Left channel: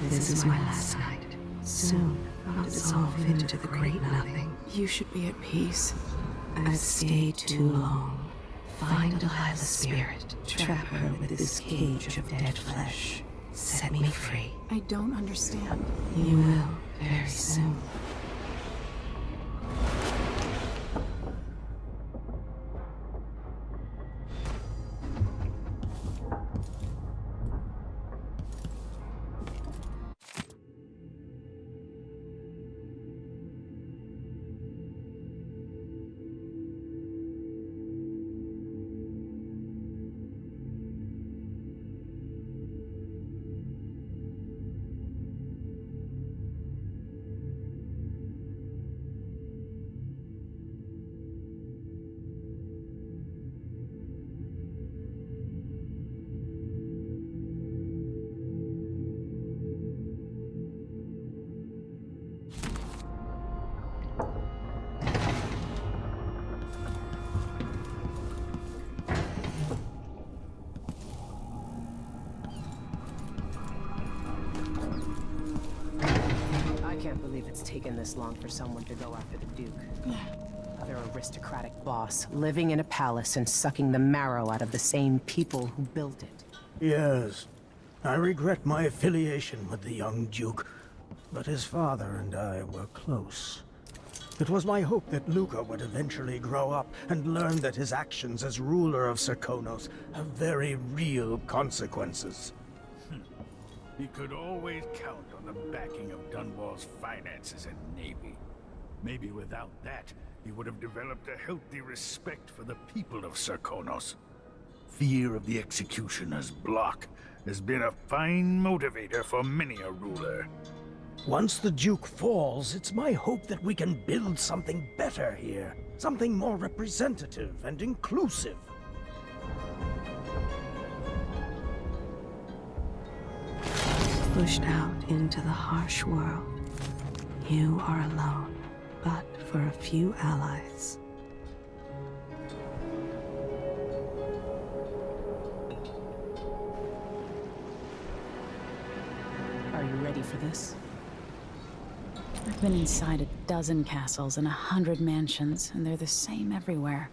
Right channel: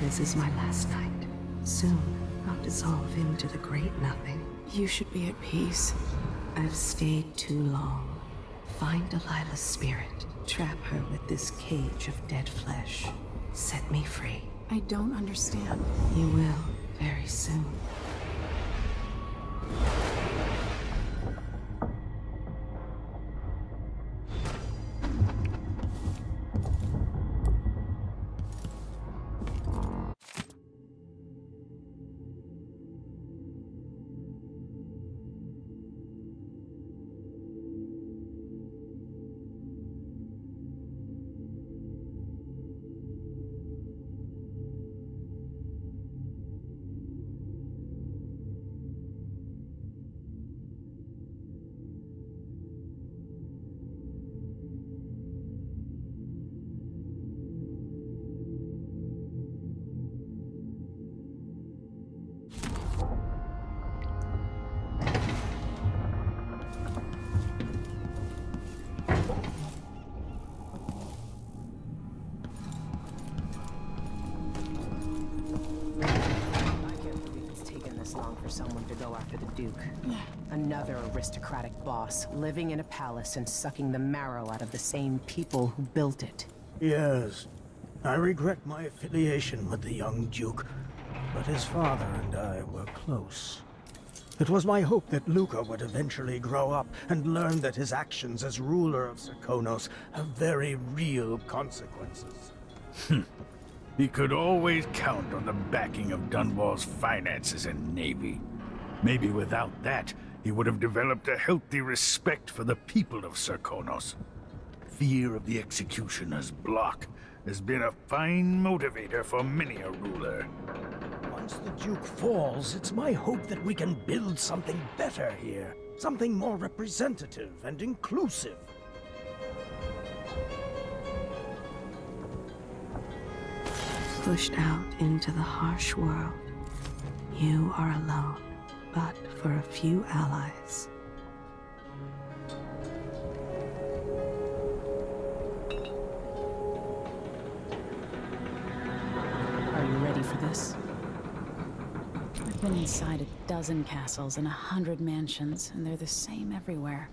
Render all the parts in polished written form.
This is my last night. Soon, I'll dissolve into the great nothing. You should be at peace. I've stayed too long. Find Delilah's spirit. Trap her with this cage of dead flesh. Set me free. I don't understand. You will, very soon. Taken this long for someone to go after the Duke. Another aristocratic boss, living in a palace and sucking the marrow out of the same people who built it. Yes, I regret my affiliation with the young Duke, but his father and I were close. It was my hope that Luca would eventually grow up and learn that his actions as ruler of Serkonos have very real consequences. He could always count on the backing of Dunwall's finances and navy. Maybe without that, he would have developed a healthy respect for the people of Serkonos. Fear of the executioner's block has been a fine motivator for many a ruler. Once the Duke falls, it's my hope that we can build something better here. Something more representative and inclusive. Push out into the harsh world. You are alone, but for a few allies. Are you ready for this? I've been inside a dozen castles and 100 mansions, and they're the same everywhere.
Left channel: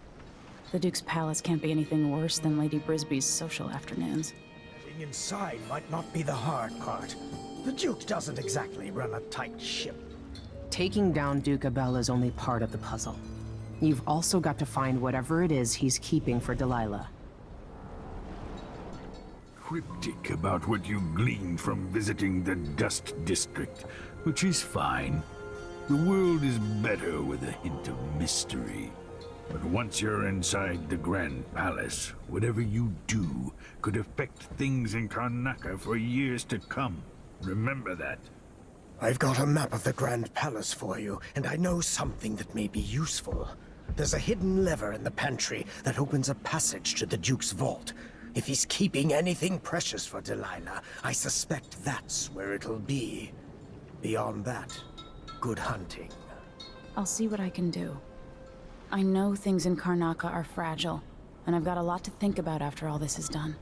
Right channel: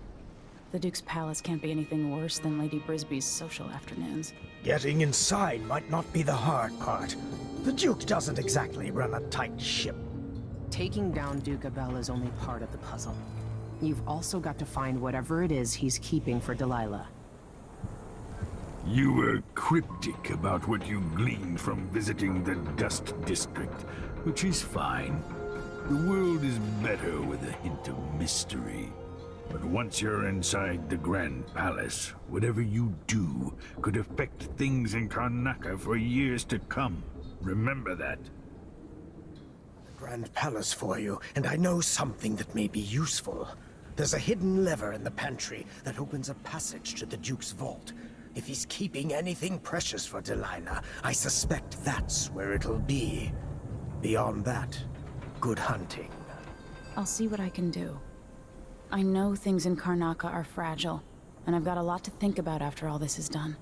The Duke's palace can't be anything worse than Lady Brisby's social afternoons. Getting inside might not be the hard part. The Duke doesn't exactly run a tight ship. Taking down Duke Abel is only part of the puzzle. You've also got to find whatever it is he's keeping for Delilah. You were cryptic about what you gleaned from visiting the Dust District, which is fine. The world is better with a hint of mystery. But once you're inside the Grand Palace, whatever you do could affect things in Karnaca for years to come. Remember that. I've got a map of the Grand Palace for you, and I know something that may be useful. There's a hidden lever in the pantry that opens a passage to the Duke's vault. If he's keeping anything precious for Delilah, I suspect that's where it'll be. Beyond that, good hunting. I'll see what I can do. I know things in Karnaca are fragile, and I've got a lot to think about after all this is done.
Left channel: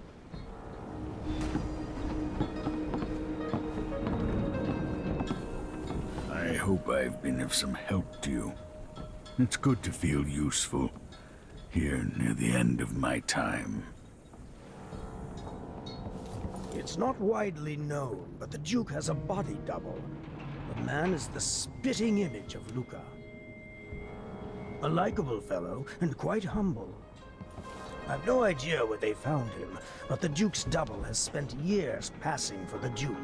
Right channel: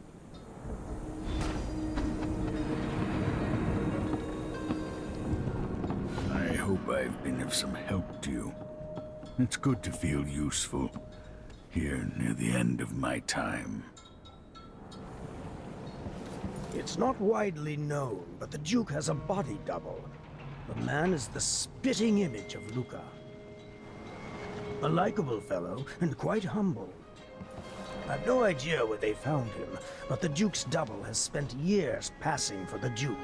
I hope I've been of some help to you. It's good to feel useful, here near the end of my time. It's not widely known, but the Duke has a body double. The man is the spitting image of Luca. A likable fellow, and quite humble. I've no idea where they found him, but the Duke's double has spent years passing for the Duke.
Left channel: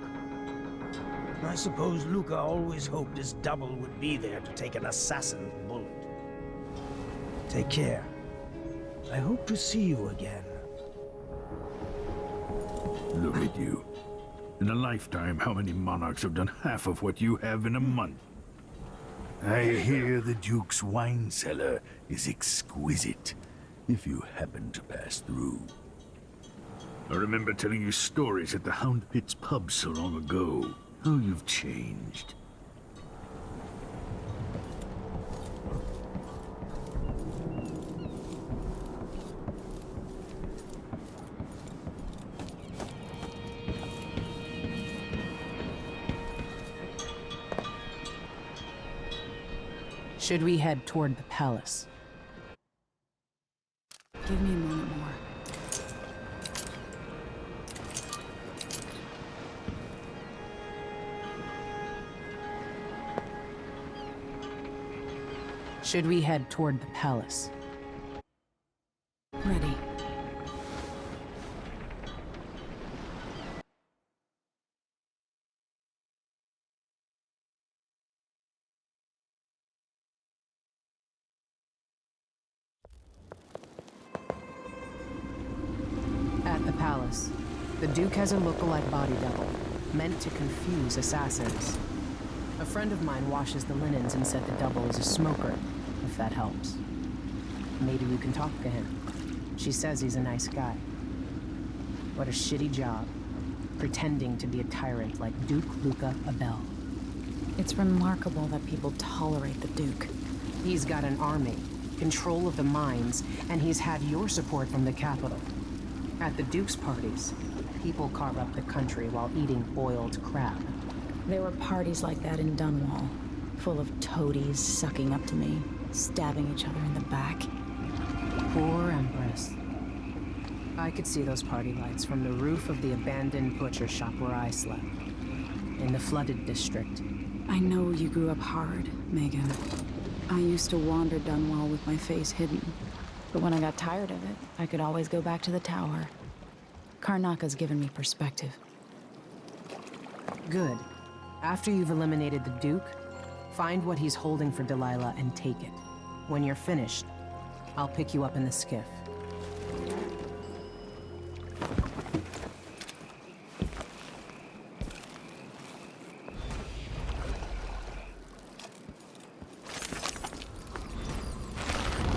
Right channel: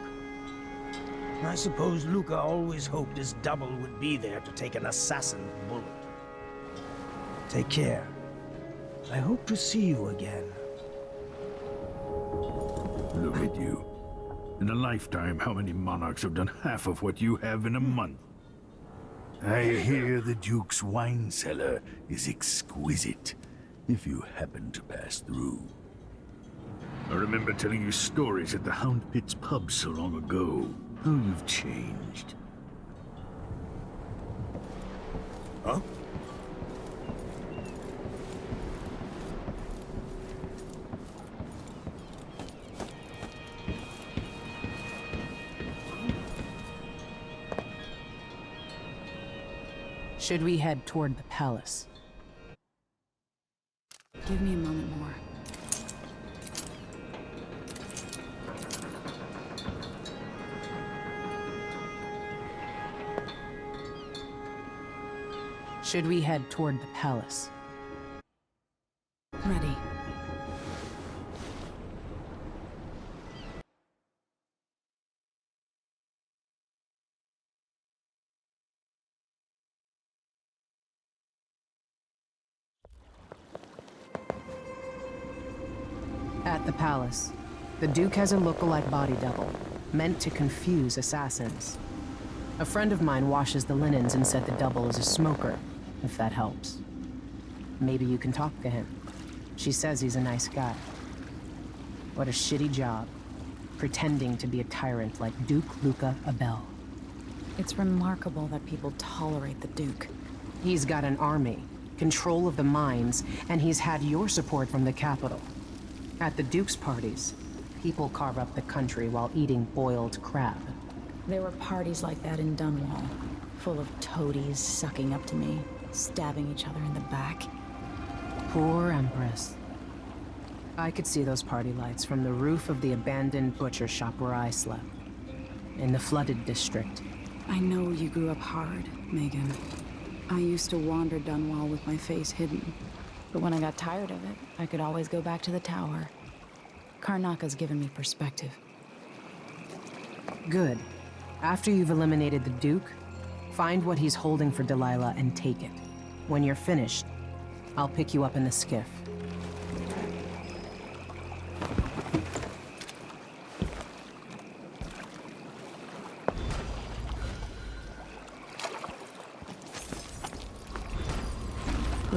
I suppose Luca always hoped his double would be there to take an assassin's bullet. Take care. I hope to see you again. Look at you. In a lifetime, how many monarchs have done half of what you have in a month? I hear the Duke's wine cellar is exquisite, if you happen to pass through. I remember telling you stories at the Hound Pit's pub so long ago. How you've changed. Huh? Should we head toward the palace? Give me a moment more. Should we head toward the palace? Ready. At the palace, the Duke has a look-alike body double, meant to confuse assassins. A friend of mine washes the linens and said the double is a smoker, if that helps. Maybe you can talk to him. She says he's a nice guy. What a shitty job, pretending to be a tyrant like Duke Luca Abel. It's remarkable that people tolerate the Duke. He's got an army, control of the mines, and he's had your support from the capital. At the Duke's parties, people carve up the country while eating boiled crab. There were parties like that in Dunwall, full of toadies sucking up to me, stabbing each other in the back. Poor Empress. I could see those party lights from the roof of the abandoned butcher shop where I slept, in the flooded district. I know you grew up hard, Megan. I used to wander Dunwall with my face hidden, but when I got tired of it, I could always go back to the tower. Karnaca's given me perspective. Good. After you've eliminated the Duke, find what he's holding for Delilah and take it. When you're finished, I'll pick you up in the skiff.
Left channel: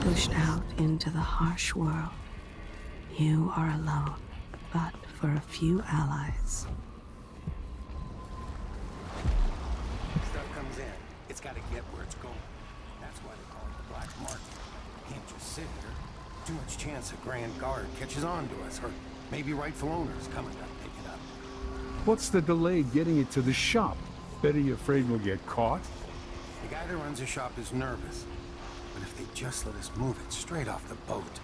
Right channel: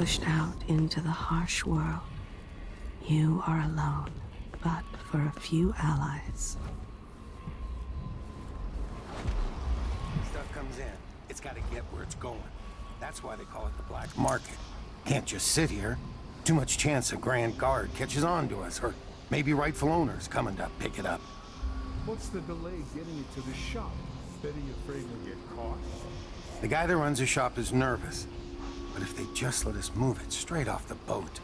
Push out into the harsh world. You are alone, but for a few allies. Stuff comes in. It's got to get where it's going. That's why they call it the black market. Can't just sit here. Too much chance a Grand Guard catches on to us, or maybe rightful owners coming to pick it up. What's the delay getting it to the shop? Betty you afraid we'll get caught? The guy that runs the shop is nervous. But if they just let us move it straight off the boat.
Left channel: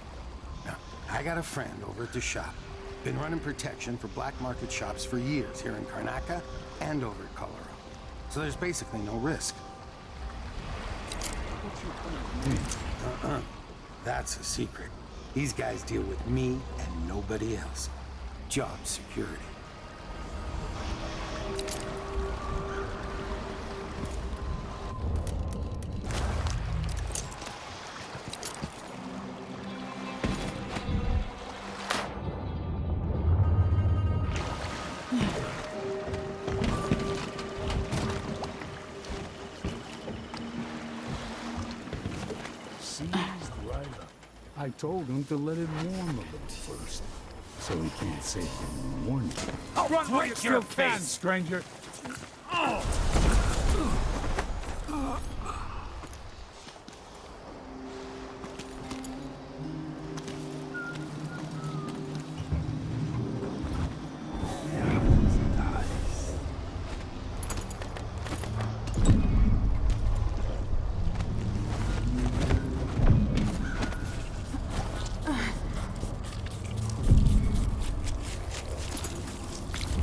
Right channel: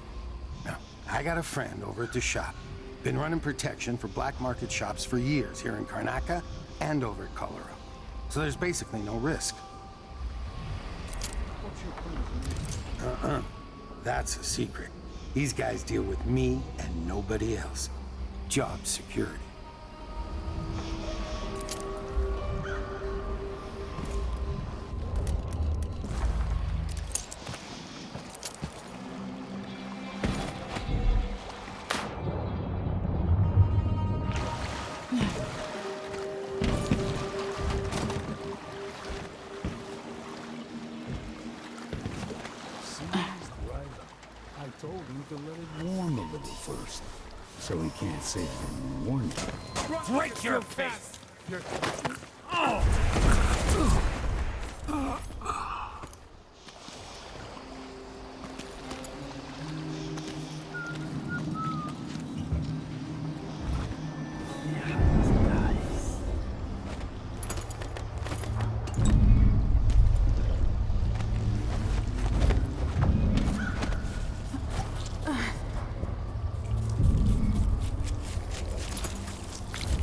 Now, I got a friend over at the shop. Been running protection for black market shops for years here in Karnaca and over at Colorado. So there's basically no risk. What's your plan with me? That's a secret. These guys deal with me and nobody else. Job security. I told him to let it warm a little first, so he can't say he didn't warn you. I'll break your face, stranger!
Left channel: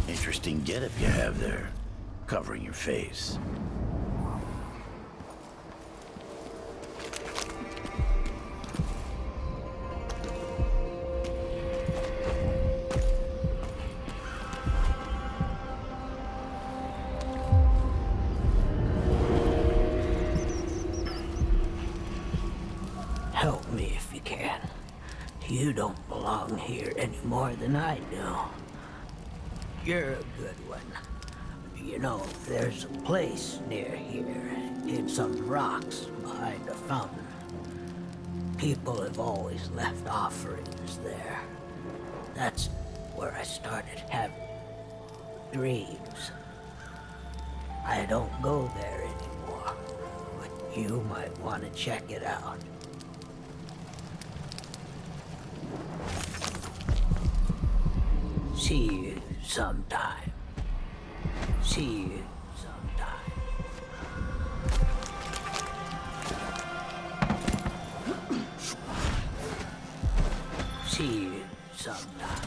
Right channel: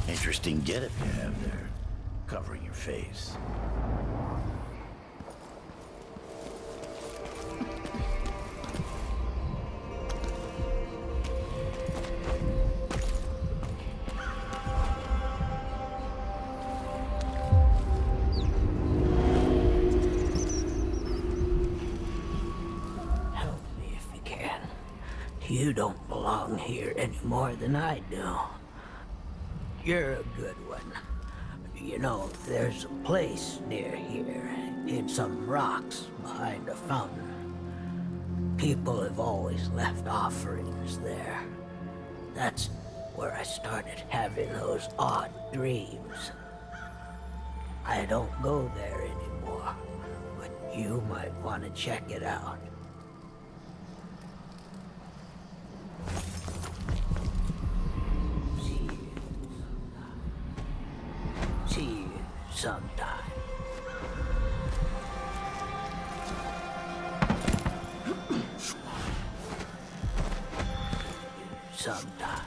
Interesting getup you have there, covering your face. Help me if you can. You don't belong here any more than I do. You're a good one. You know, there's a place near here, in some rocks behind a fountain. People have always left offerings there. That's where I started having those odd dreams. I don't go there anymore, but you might want to check it out. See you sometime. See you sometime. sometimes.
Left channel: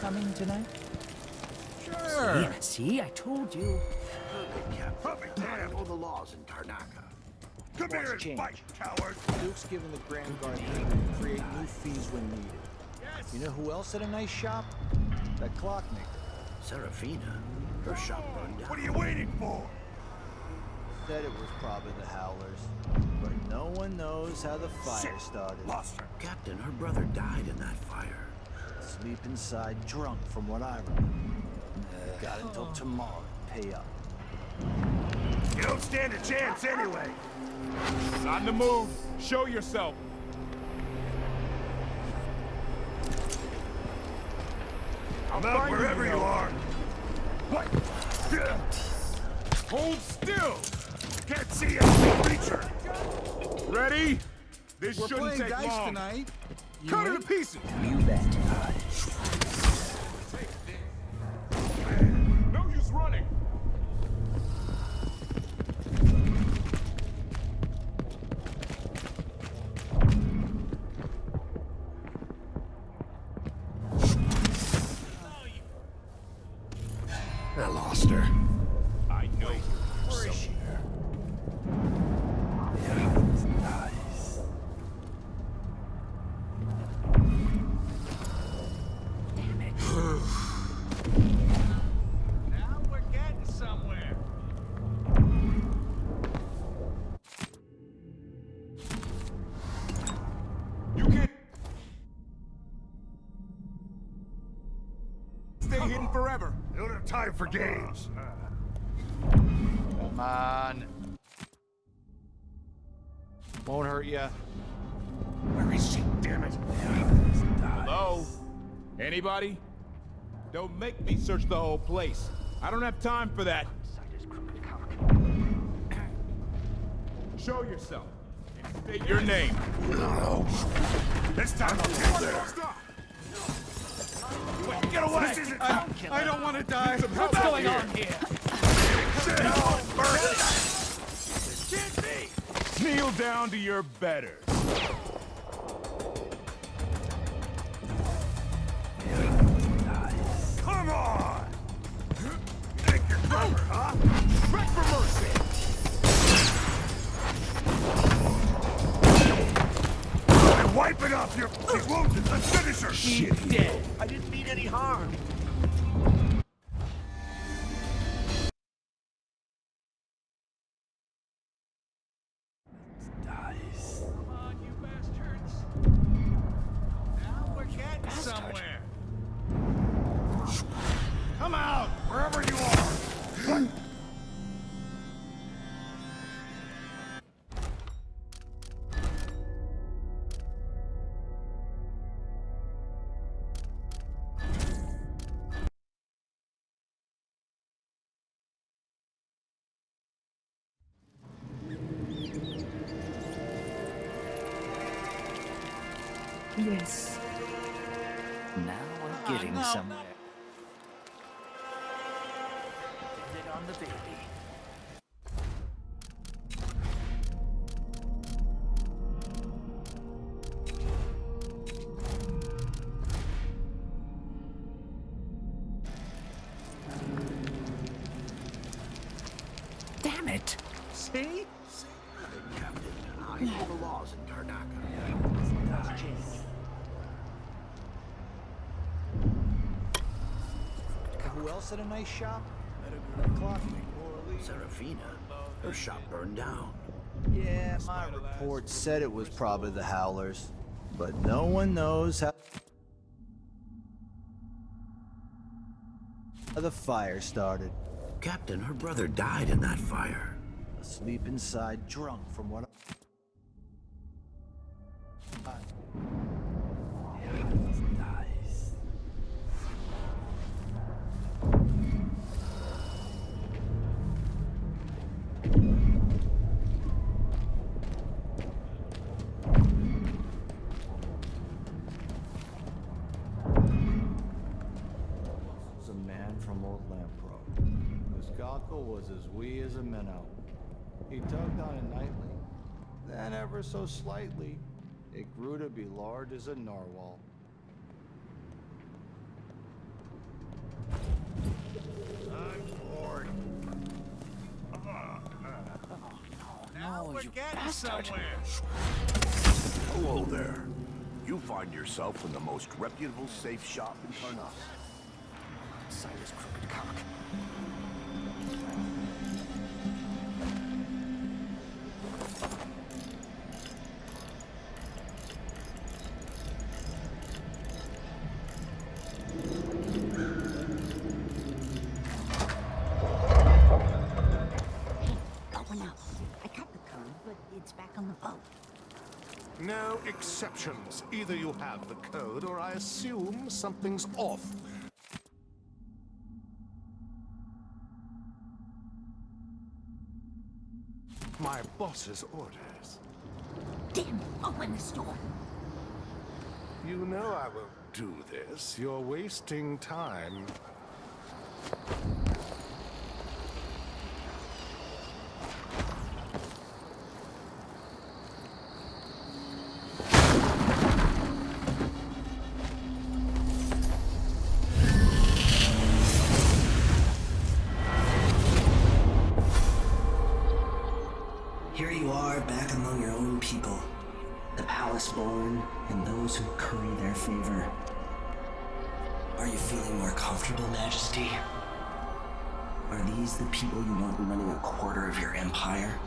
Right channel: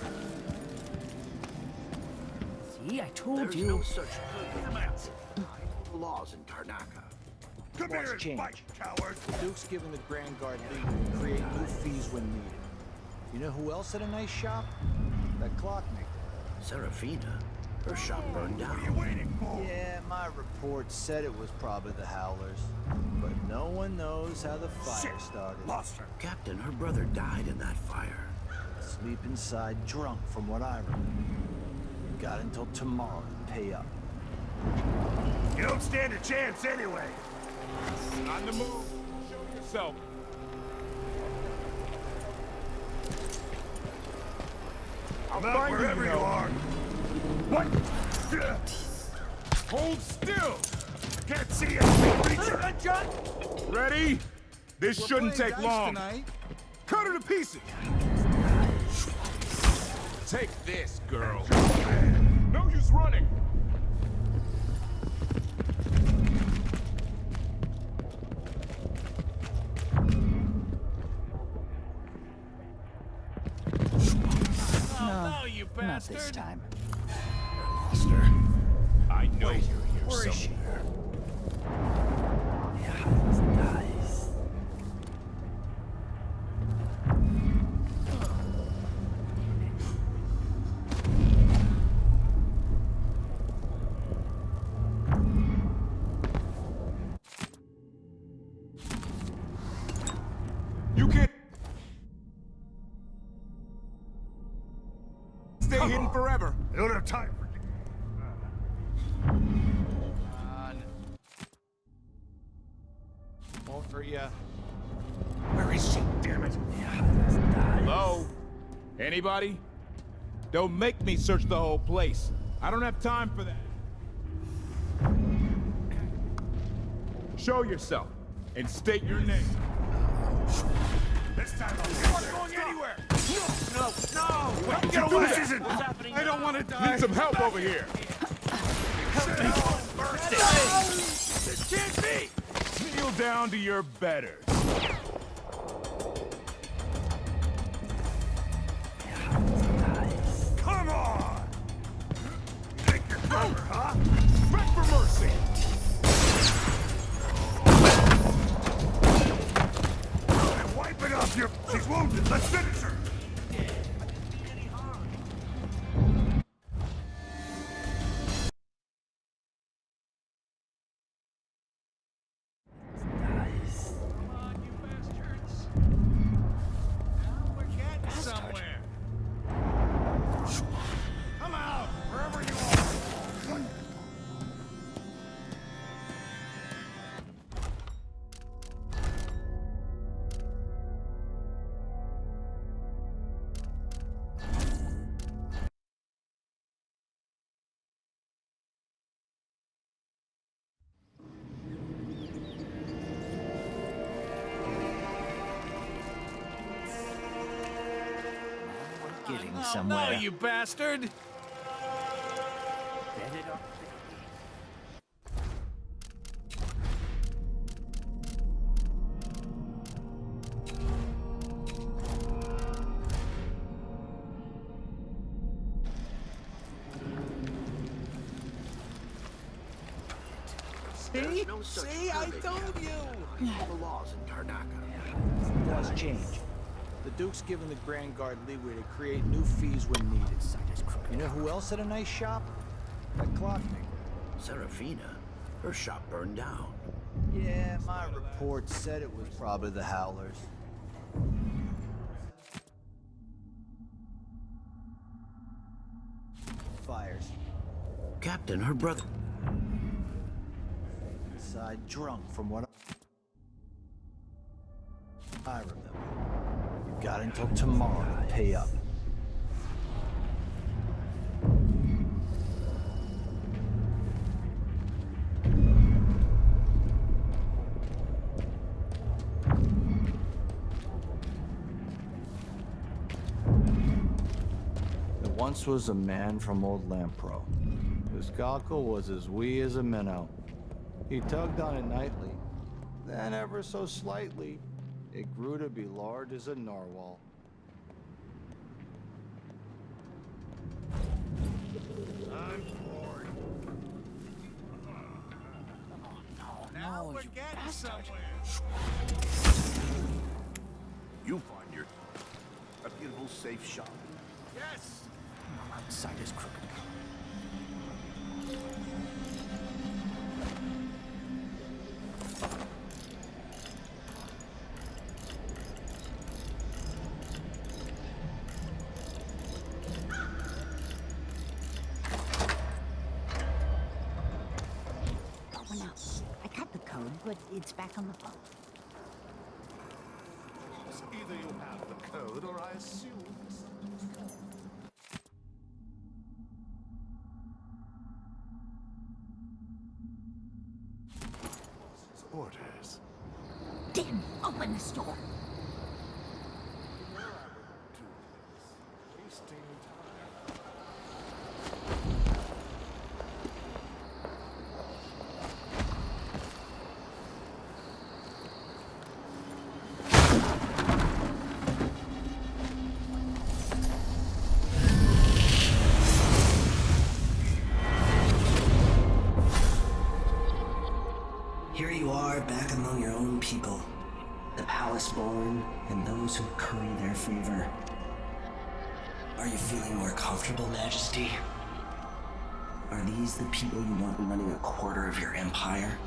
Coming tonight? Sure. Yeah, see, I told you. No such good captain. Follow the laws in Karnaca. Come here and fight, coward! Duke's given the Grand Guard legal to create new fees when needed. You know who else had a nice shop? That clockmaker. Serafina, her shop burned down. What are you waiting for? Yeah, my report said it was probably the Howlers. But no one knows how the fire started. Lost her. Captain, her brother died in that fire. Sleep inside drunk, from what I remember. You got until tomorrow to pay up. You don't stand a chance anyway. On the move. Show yourself. I'm out wherever you are. What? Hold still. Can't see anything, creature. Ready? This We're shouldn't playing take dice long. tonight. Cut her to pieces. You bet. Take this, girl. No use running. No, you not this time. I lost her. I know you're here Where is she? somewhere. Now we're getting somewhere. You can't stay hidden forever. I don't have time for games. Come on. Won't hurt ya. Where is she? Damn it. Hello? Anybody? Don't make me search the whole place. I don't have time for that. Show yourself and state your name. This time I'll get there. Wait, get away! This isn't... I don't want to die. Need some help over here. Oh, mercy! This can't be! Kneel down to your betters. Come on! You think you're clever, huh? Beg for mercy. And wipe it off your... She's wounded. Let's finish her. She's dead. I didn't mean any harm. Come on, you bastards. Now we're getting somewhere. Come out, wherever you are. What? Yes. Now we're getting No, somewhere. you bastard. Bet it on the baby. See? See, I told you! The laws in Karnaca. Laws change. The Duke's given the Grand Guard leeway to create new fees when needed. You know who else had a nice shop? That clockmaker. Serafina? Her shop burned down. Yeah, my report said it was probably the Howlers. But no one knows how the fire started. Captain, her brother died in that fire. Sleep inside drunk from what I remember. Got until tomorrow to pay up. There once was a man from Old Lampro. His cockle was as wee as a minnow. He tugged on it nightly, then ever so slightly, it grew to be large as a narwhal. I'm bored. Now we're getting somewhere. Hello there. You find yourself in the most reputable safe shop in Karnaca. Yes. Outside his crooked cock. Going out. I cut the code, but it's back on the boat. No exceptions. Either you have the code, or I assume something's off. My boss's orders. Damn, open this door. You know I won't do this. You're wasting time. Here you are, back among your own people. The palace-born, and those who curry their favor. Are you feeling more comfortable, Majesty? Are these the people you want running a quarter of your empire?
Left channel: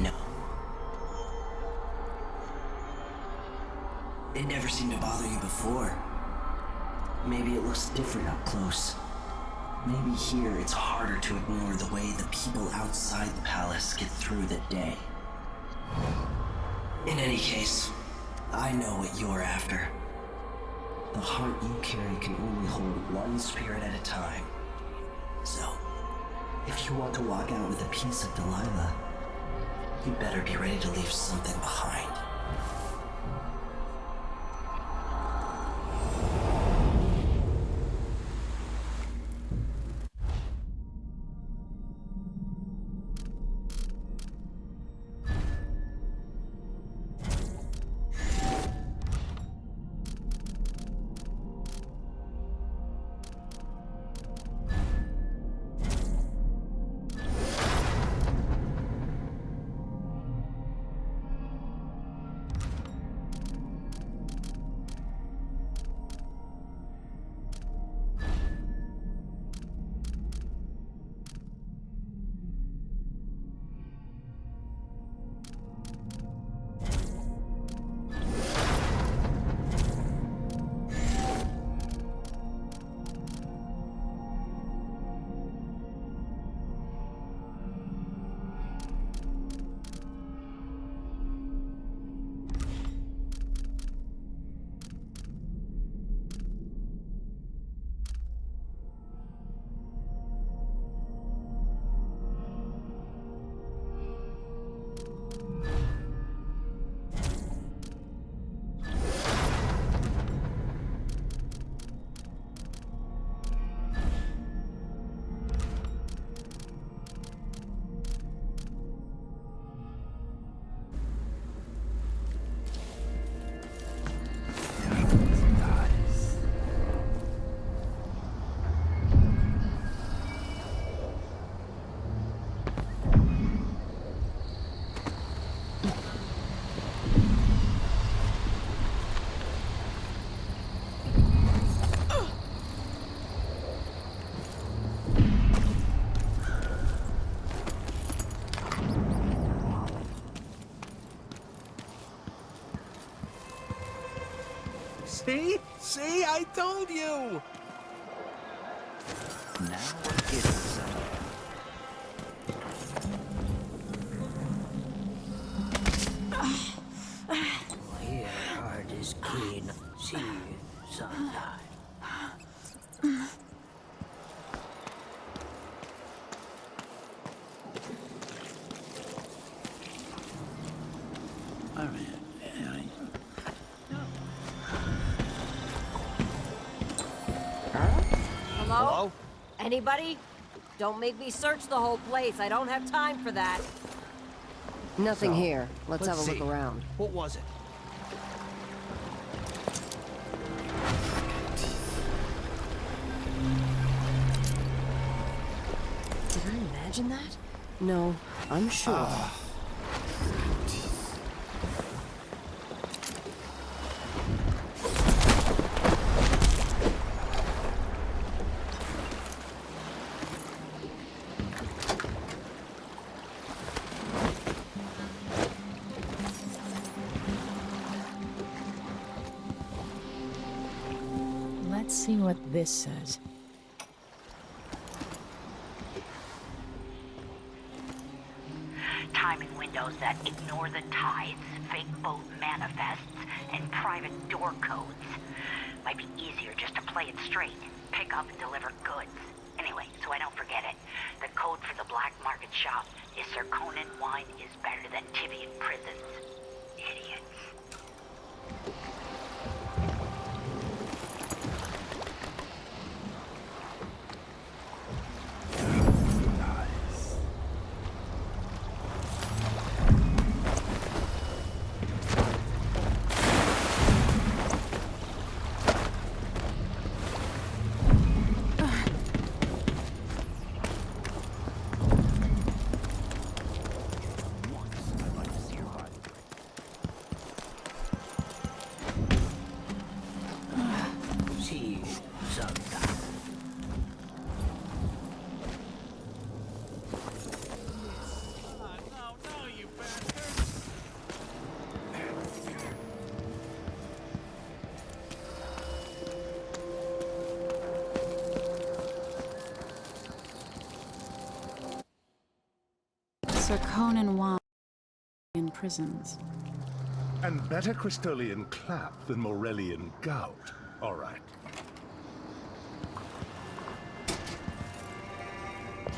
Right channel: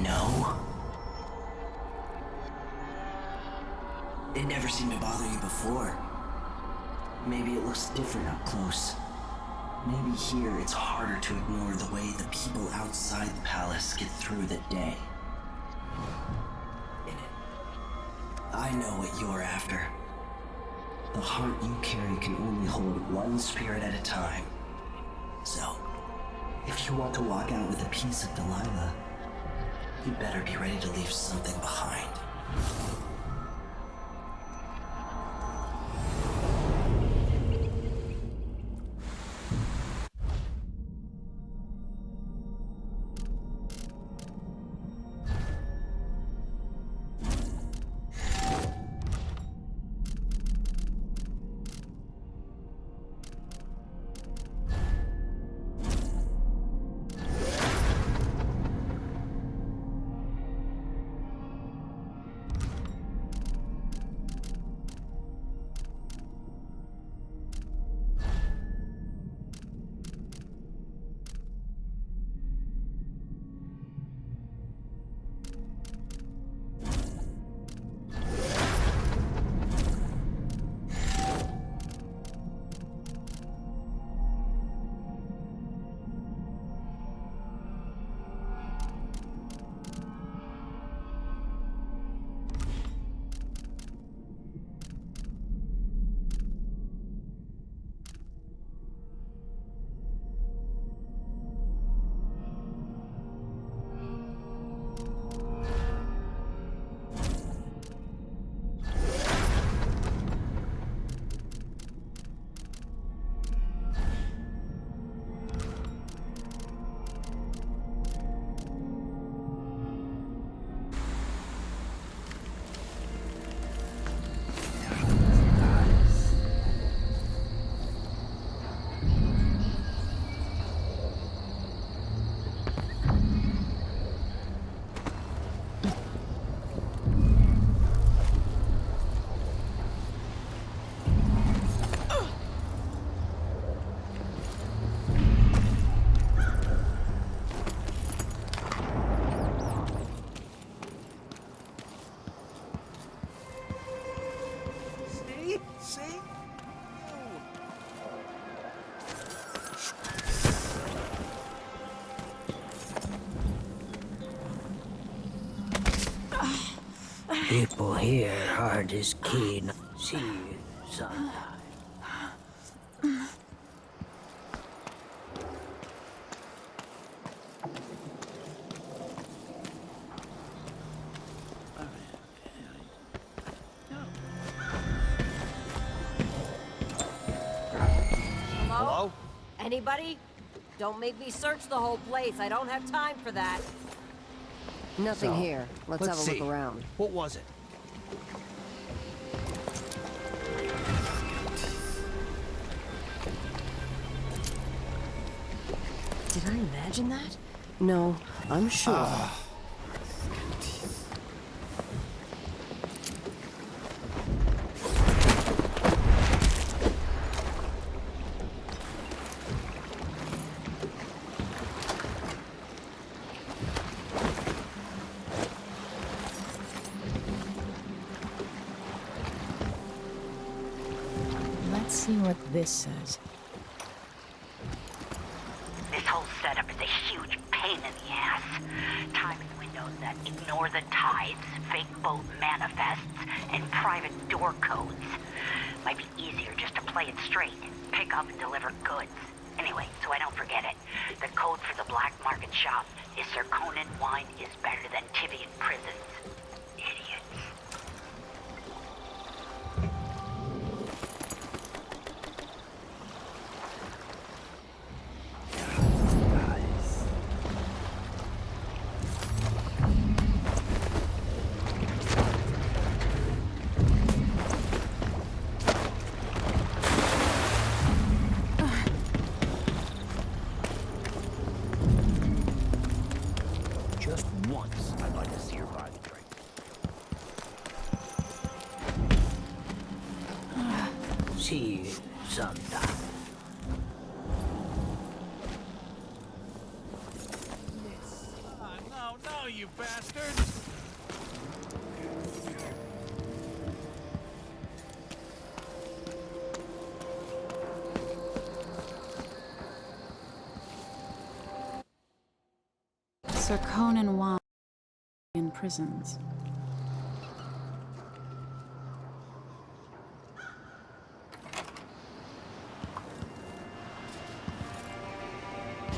No? It never seemed to bother you before. Maybe it looks different up close. Maybe here it's harder to ignore the way the people outside the palace get through the day. In any case, I know what you're after. The heart you carry can only hold one spirit at a time. So, if you want to walk out with a piece of Delilah, you better be ready to leave something behind. See? See? I told you! People here aren't as keen. See you sometime. Hello? Anybody? Don't make me search the whole place. I don't have time for that. Nothing So, here. Let's have a see. look around. What was it? Did I imagine that? No, I'm sure. Let's see what this says. This whole setup is a huge pain in the ass. Timing windows that ignore the tides, fake boat manifests, and private door codes. Might be easier just to play it straight. Pick up and deliver goods. Anyway, so I don't forget it. The code for the black market shop is Sir Conan wine is better than Tivian prisons. Idiots. Just once, I'd like to see her buy the drink. See you sometime. No, you bastard! Sir Conan wine in prisons. And better Crystolian clap than Morellian gout. All right.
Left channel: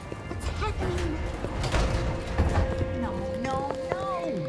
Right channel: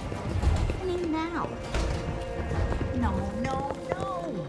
What's happening now? No, no, no!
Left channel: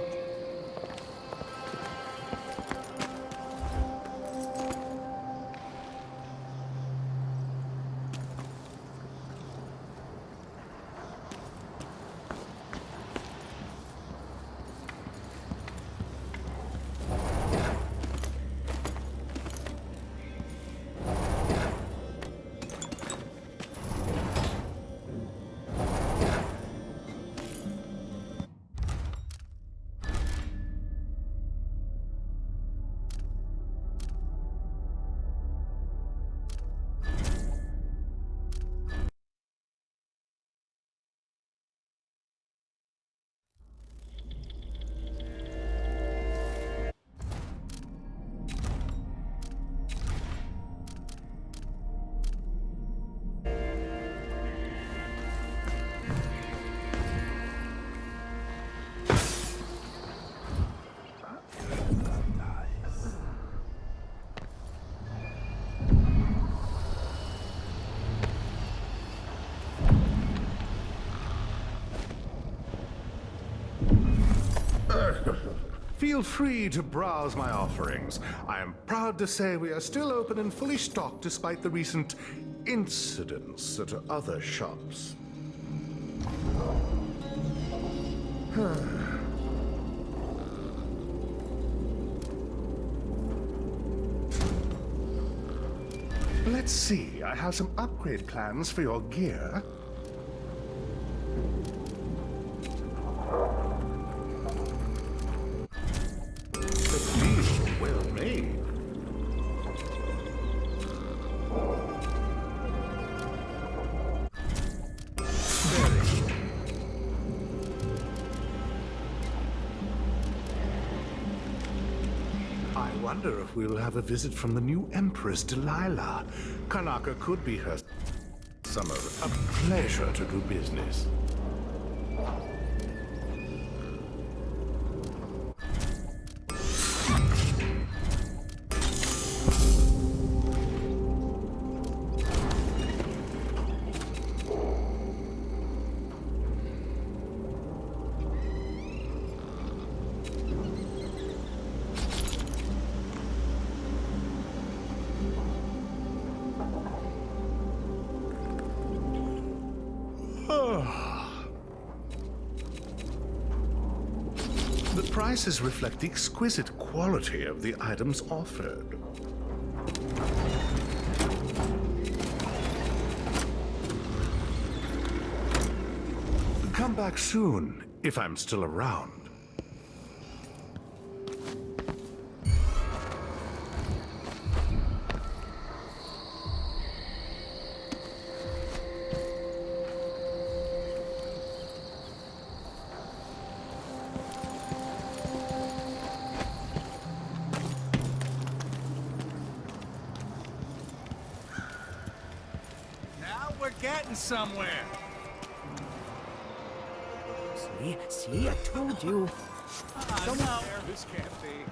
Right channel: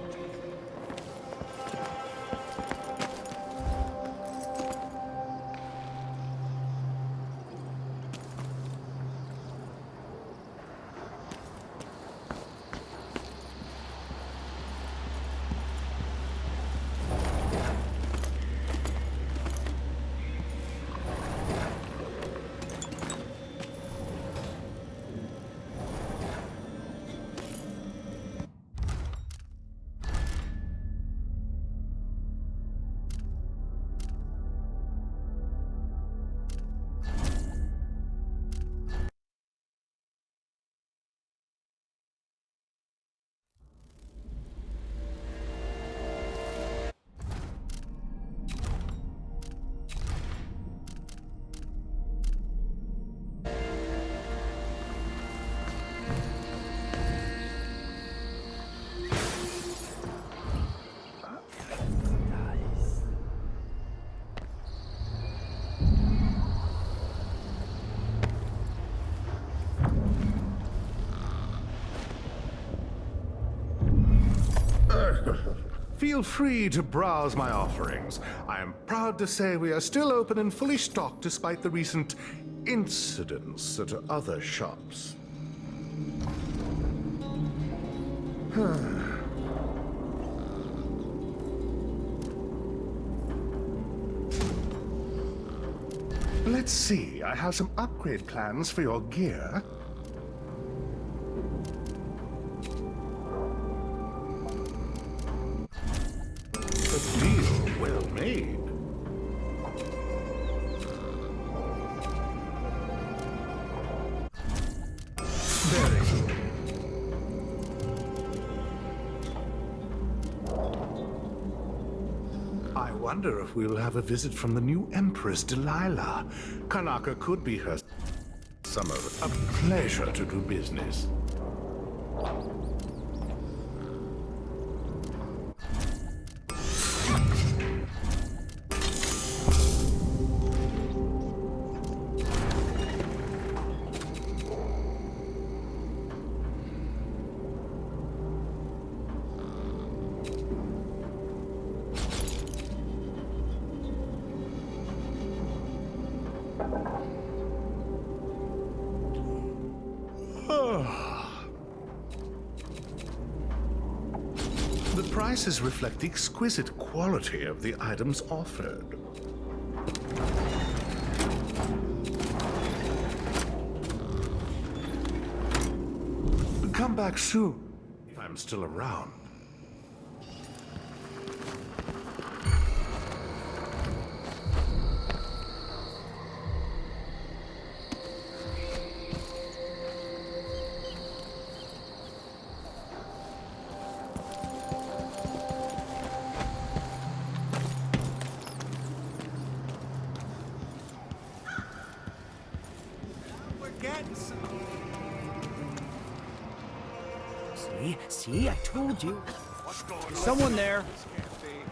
Feel free to browse my offerings. I am proud to say we are still open and fully stocked despite the recent incidents at other shops. Let's see, I have some upgrade plans for your gear. A deal well made. Very good. I wonder if we'll have a visit from the new Empress Delilah. Karnaca could be her summer. A pleasure to do business. The prices reflect the exquisite quality of the items offered. Come back soon, if I'm still around. Getting somewhere. See, I told you. Someone there. This can't be.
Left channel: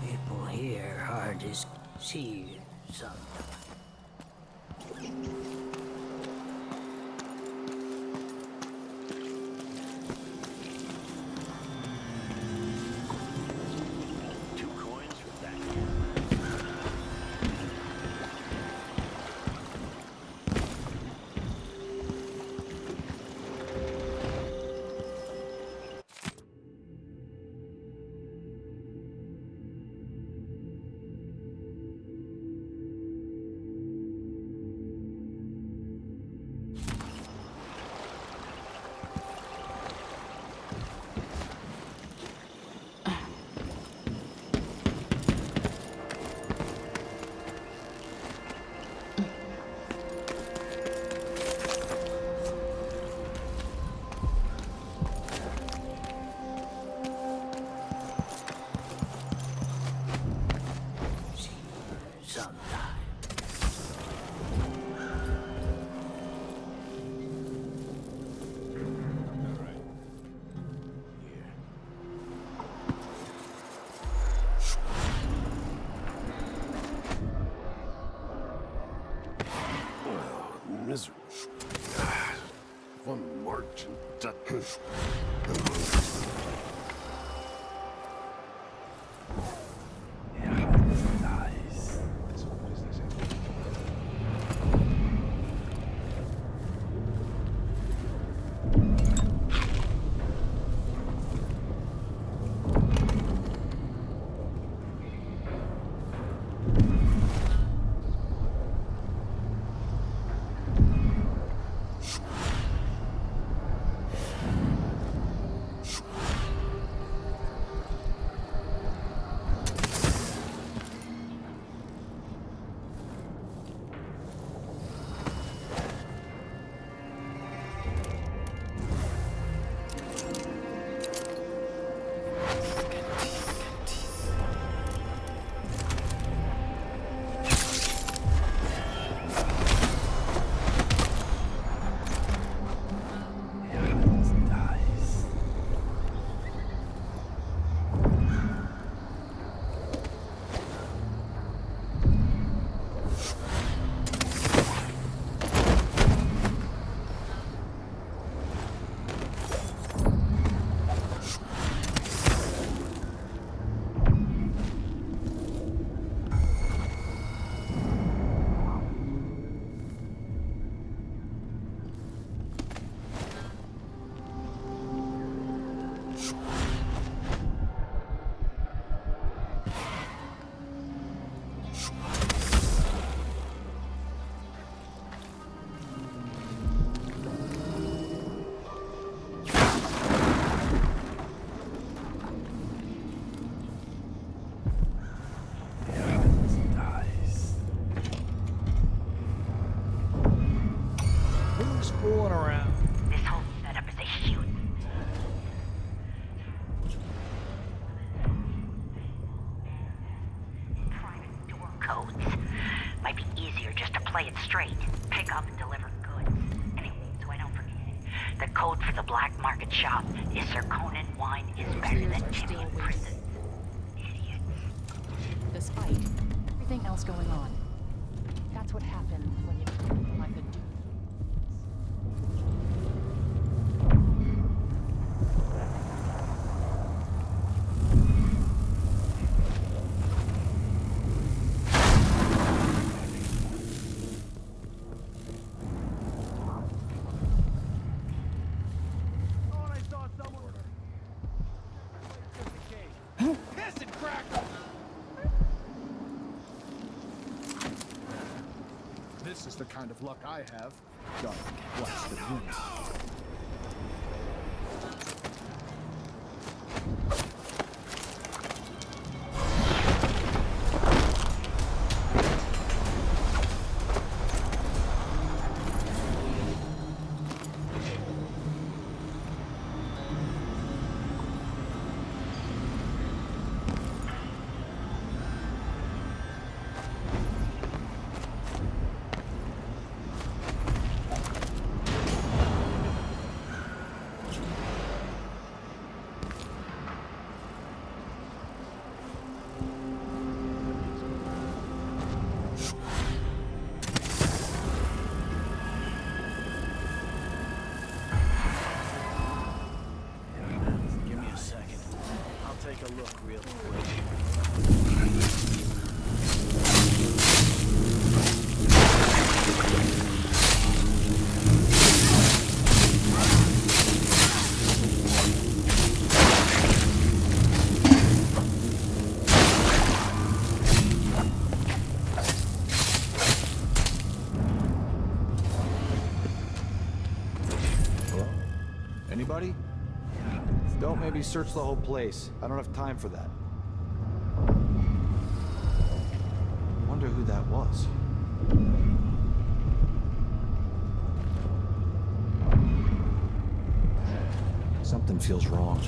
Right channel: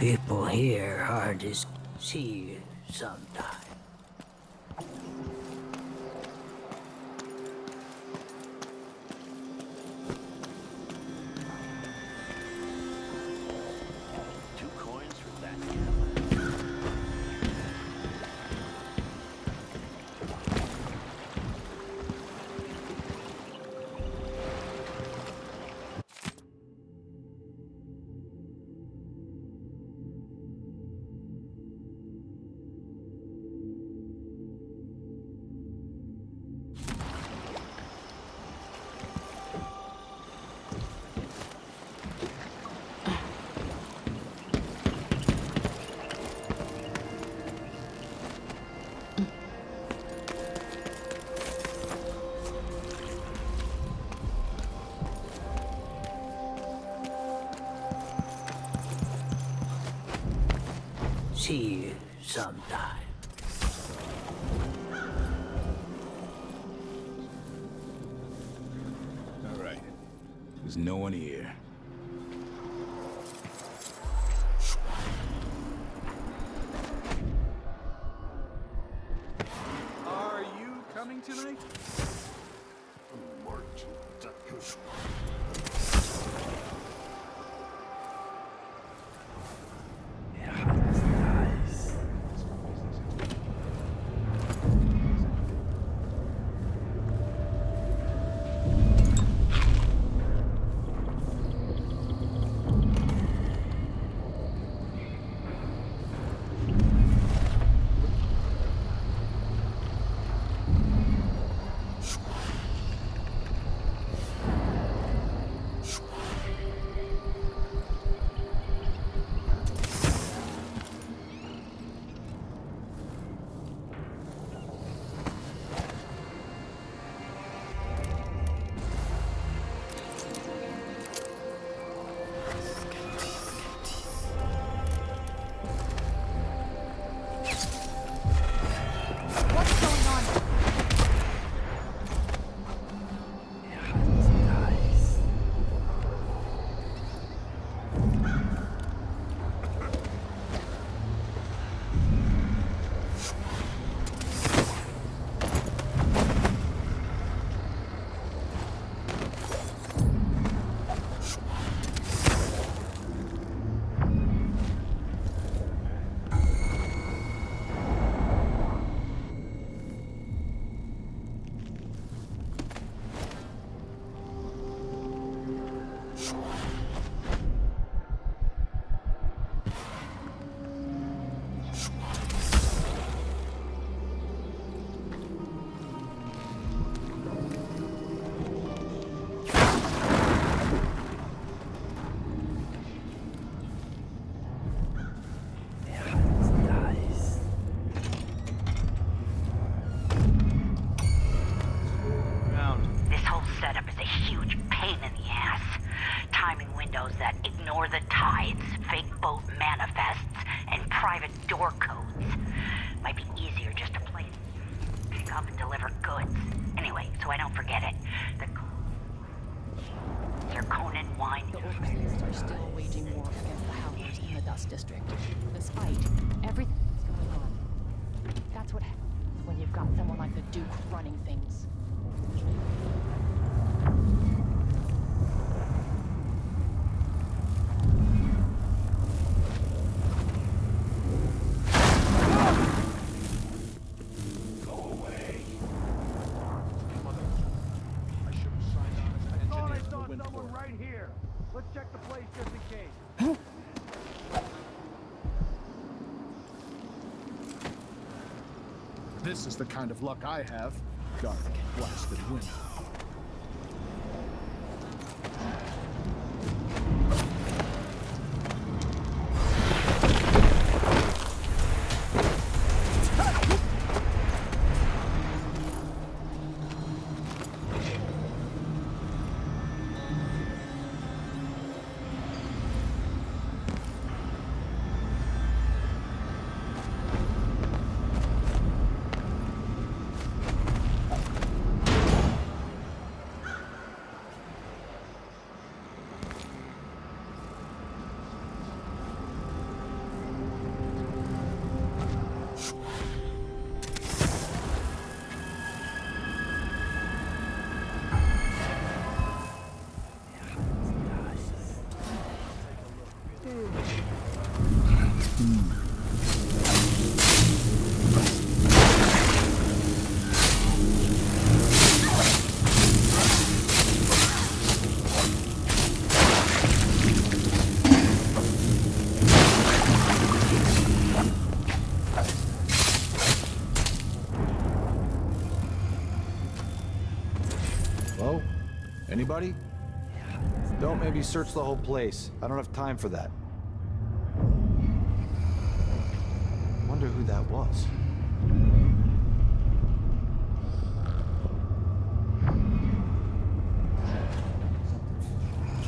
People here are just see you sometime. See you sometime. All right. There's no one here. Are you coming tonight? One merchant. ignore the tides, fake boat manifests, and private door codes. Might be easier just to play it straight. Pick up and deliver goods. Anyway, so I don't forget it. The code for the black market shop is Zirconin wine is better than Overseers are still Jimmy waging prison. war against the houses in the Dust District, despite everything else going on. That's what happens when you've got someone like the Duke running things. This is the kind of luck I have. Dark, blasted wind. Anybody? Don't maybe search the whole place. I don't have time for that. Wonder who that was. Something feels wrong.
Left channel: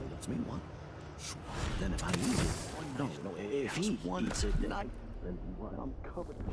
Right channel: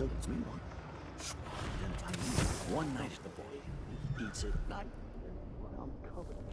still lets me one. Then if I eat it one night, if he eats it night, then I'm covered in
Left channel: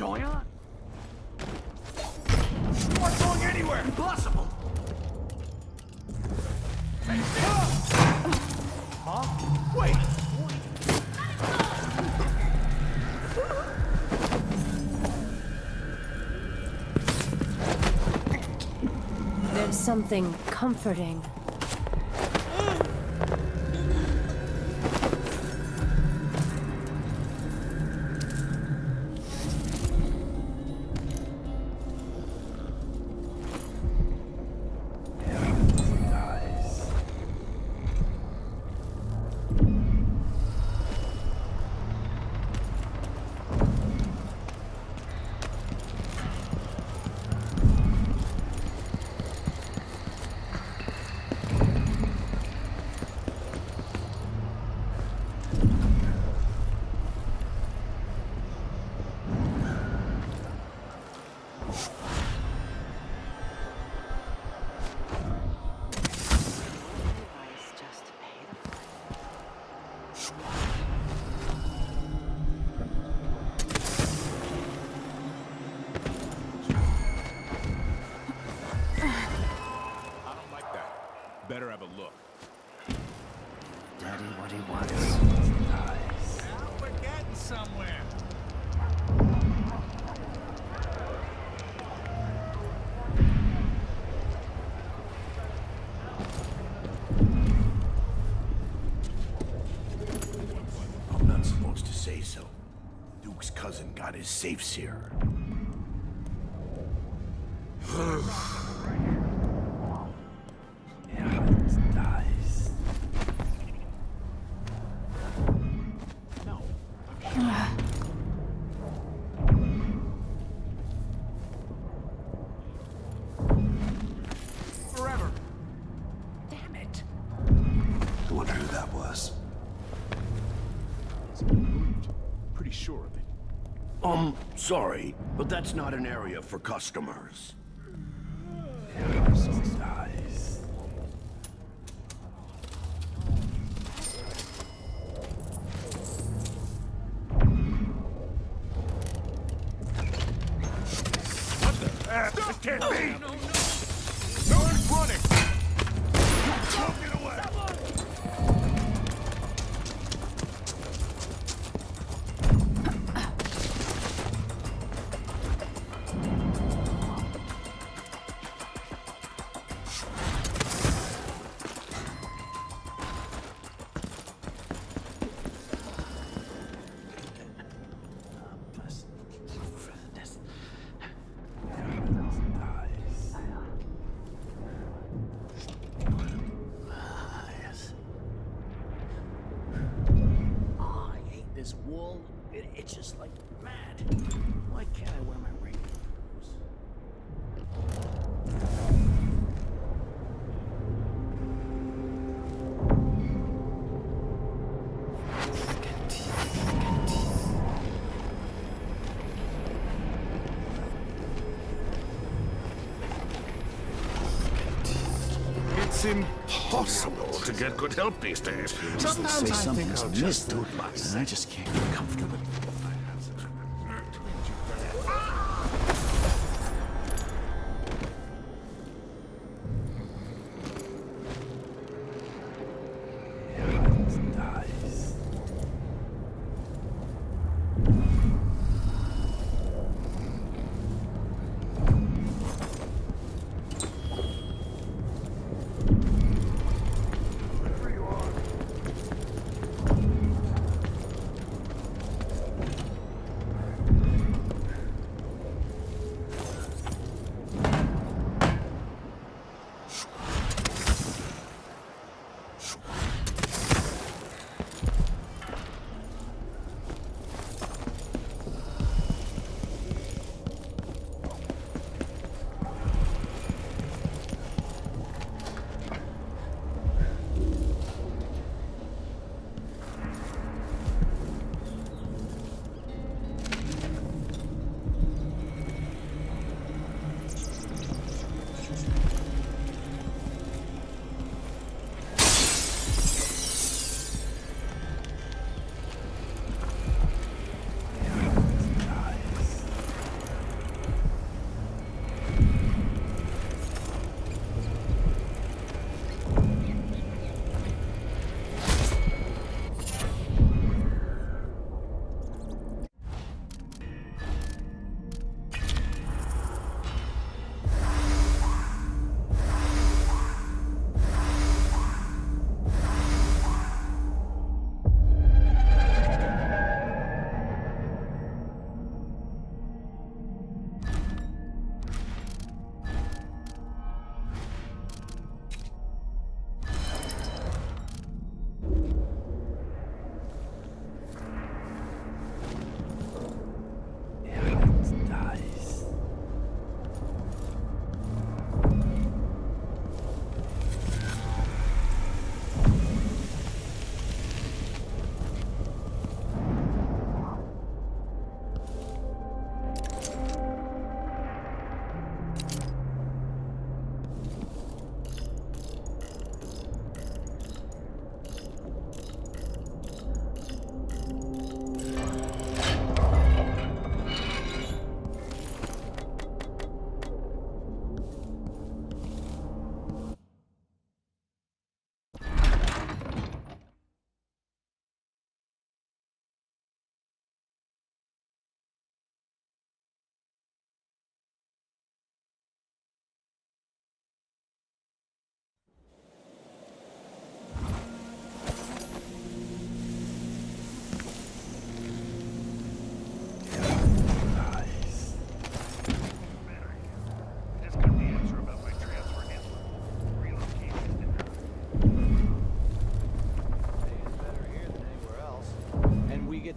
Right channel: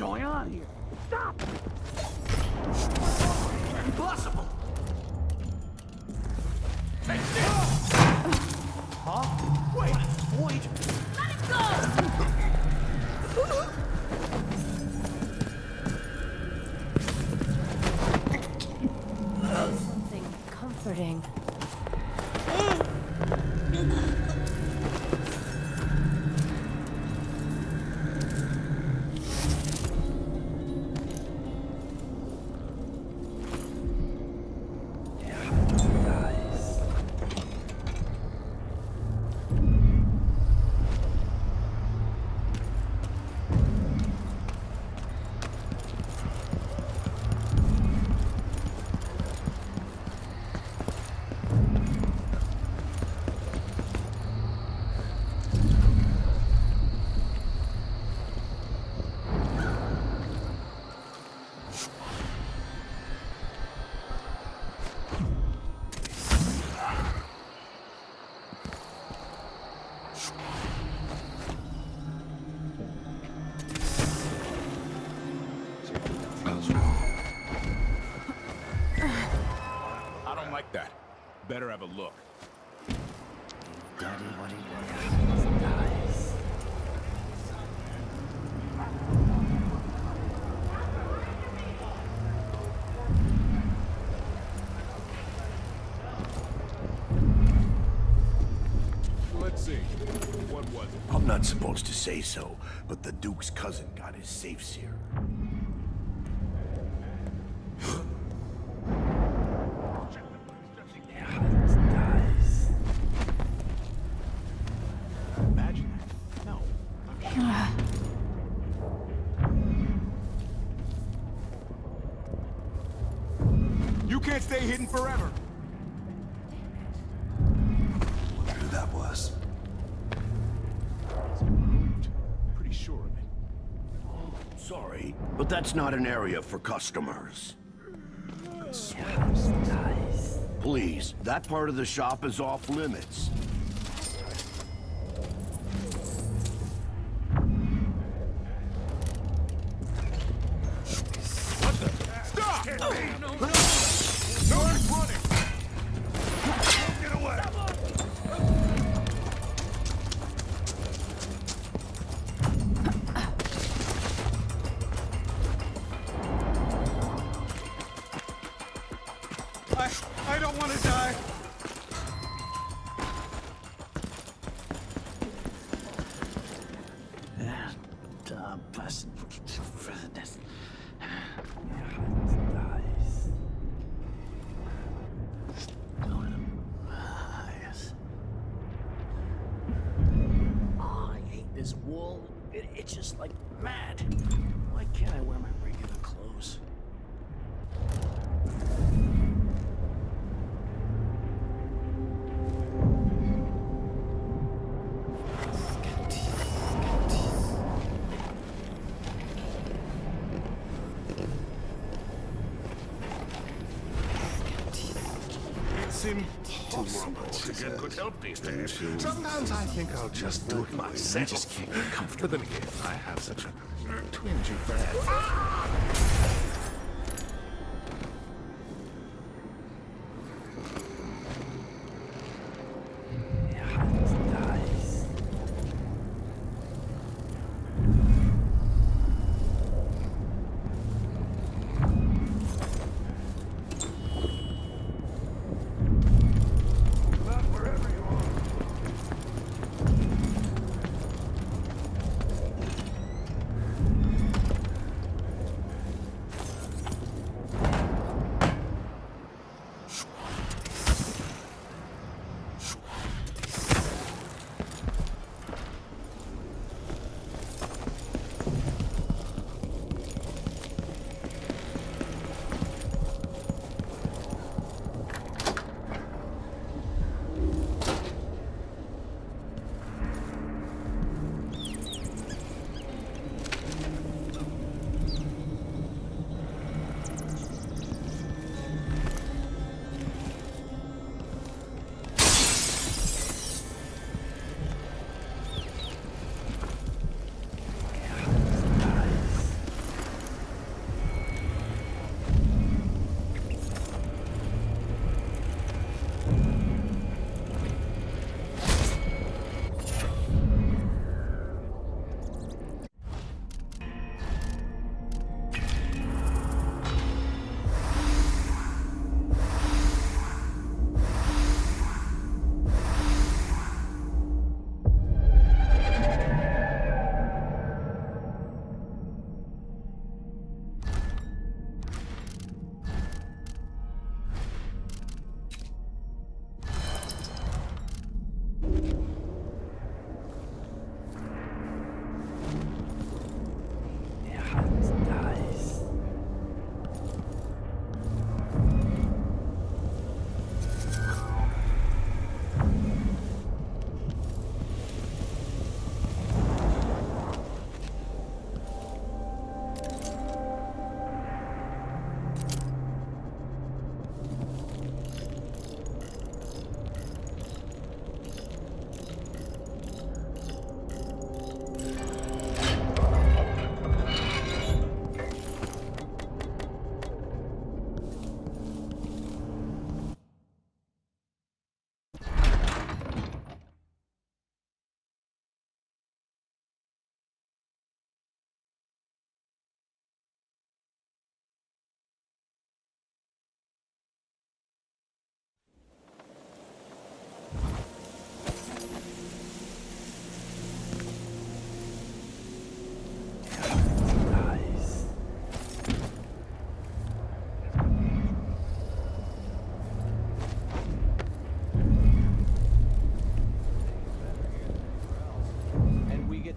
going on here? Stop! You aren't going anywhere! Impossible! Hey, huh? Wait! Wait! There's something comforting. Better have a look. Daddy what he wants. Now we're getting somewhere. Let's see. What was it? I'm not supposed to say so, but the Duke's cousin got his safes here. You can't stay hidden forever. Damn it. I wonder who that was. It's been moved. Pretty sure of it. Sorry, but that's not an area for customers. Please, that part of the shop is off limits. What the? Stop! Can't be! No one's running! Don't get away! I don't want to die. this wool, it itches like mad. Why can't I wear my regular clothes? It's impossible to get good help these days. Sometimes I think I'll just do it myself. I just can't get comfortable. But then again, I have such a twingy bad.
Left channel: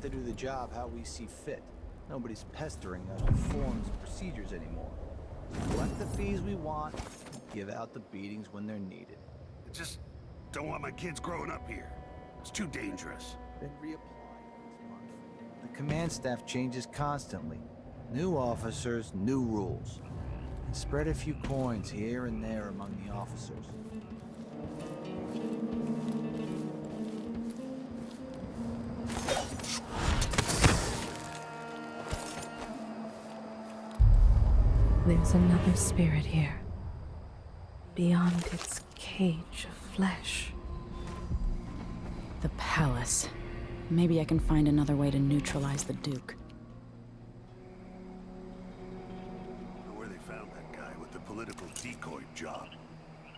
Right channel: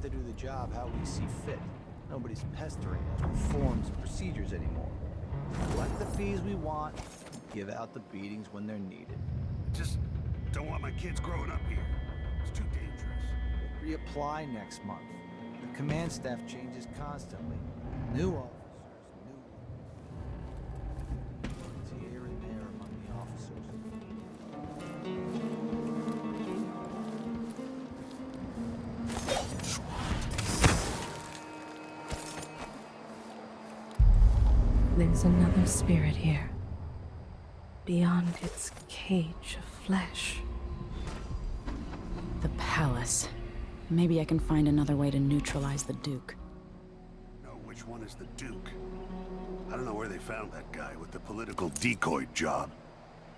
To do the job how we see fit. Nobody's pestering us with forms and procedures anymore. Collect the fees we want, give out the beatings when they're needed. I just don't want my kids growing up here. It's too dangerous. Then reapply next month. The command staff changes constantly. New officers, new rules. Spread a few coins here and there among the officers. There's another spirit here, beyond its cage of flesh. The palace. Maybe I can find another way to neutralize the Duke. No, which one is the Duke? I don't know where they found that guy with the political decoy job,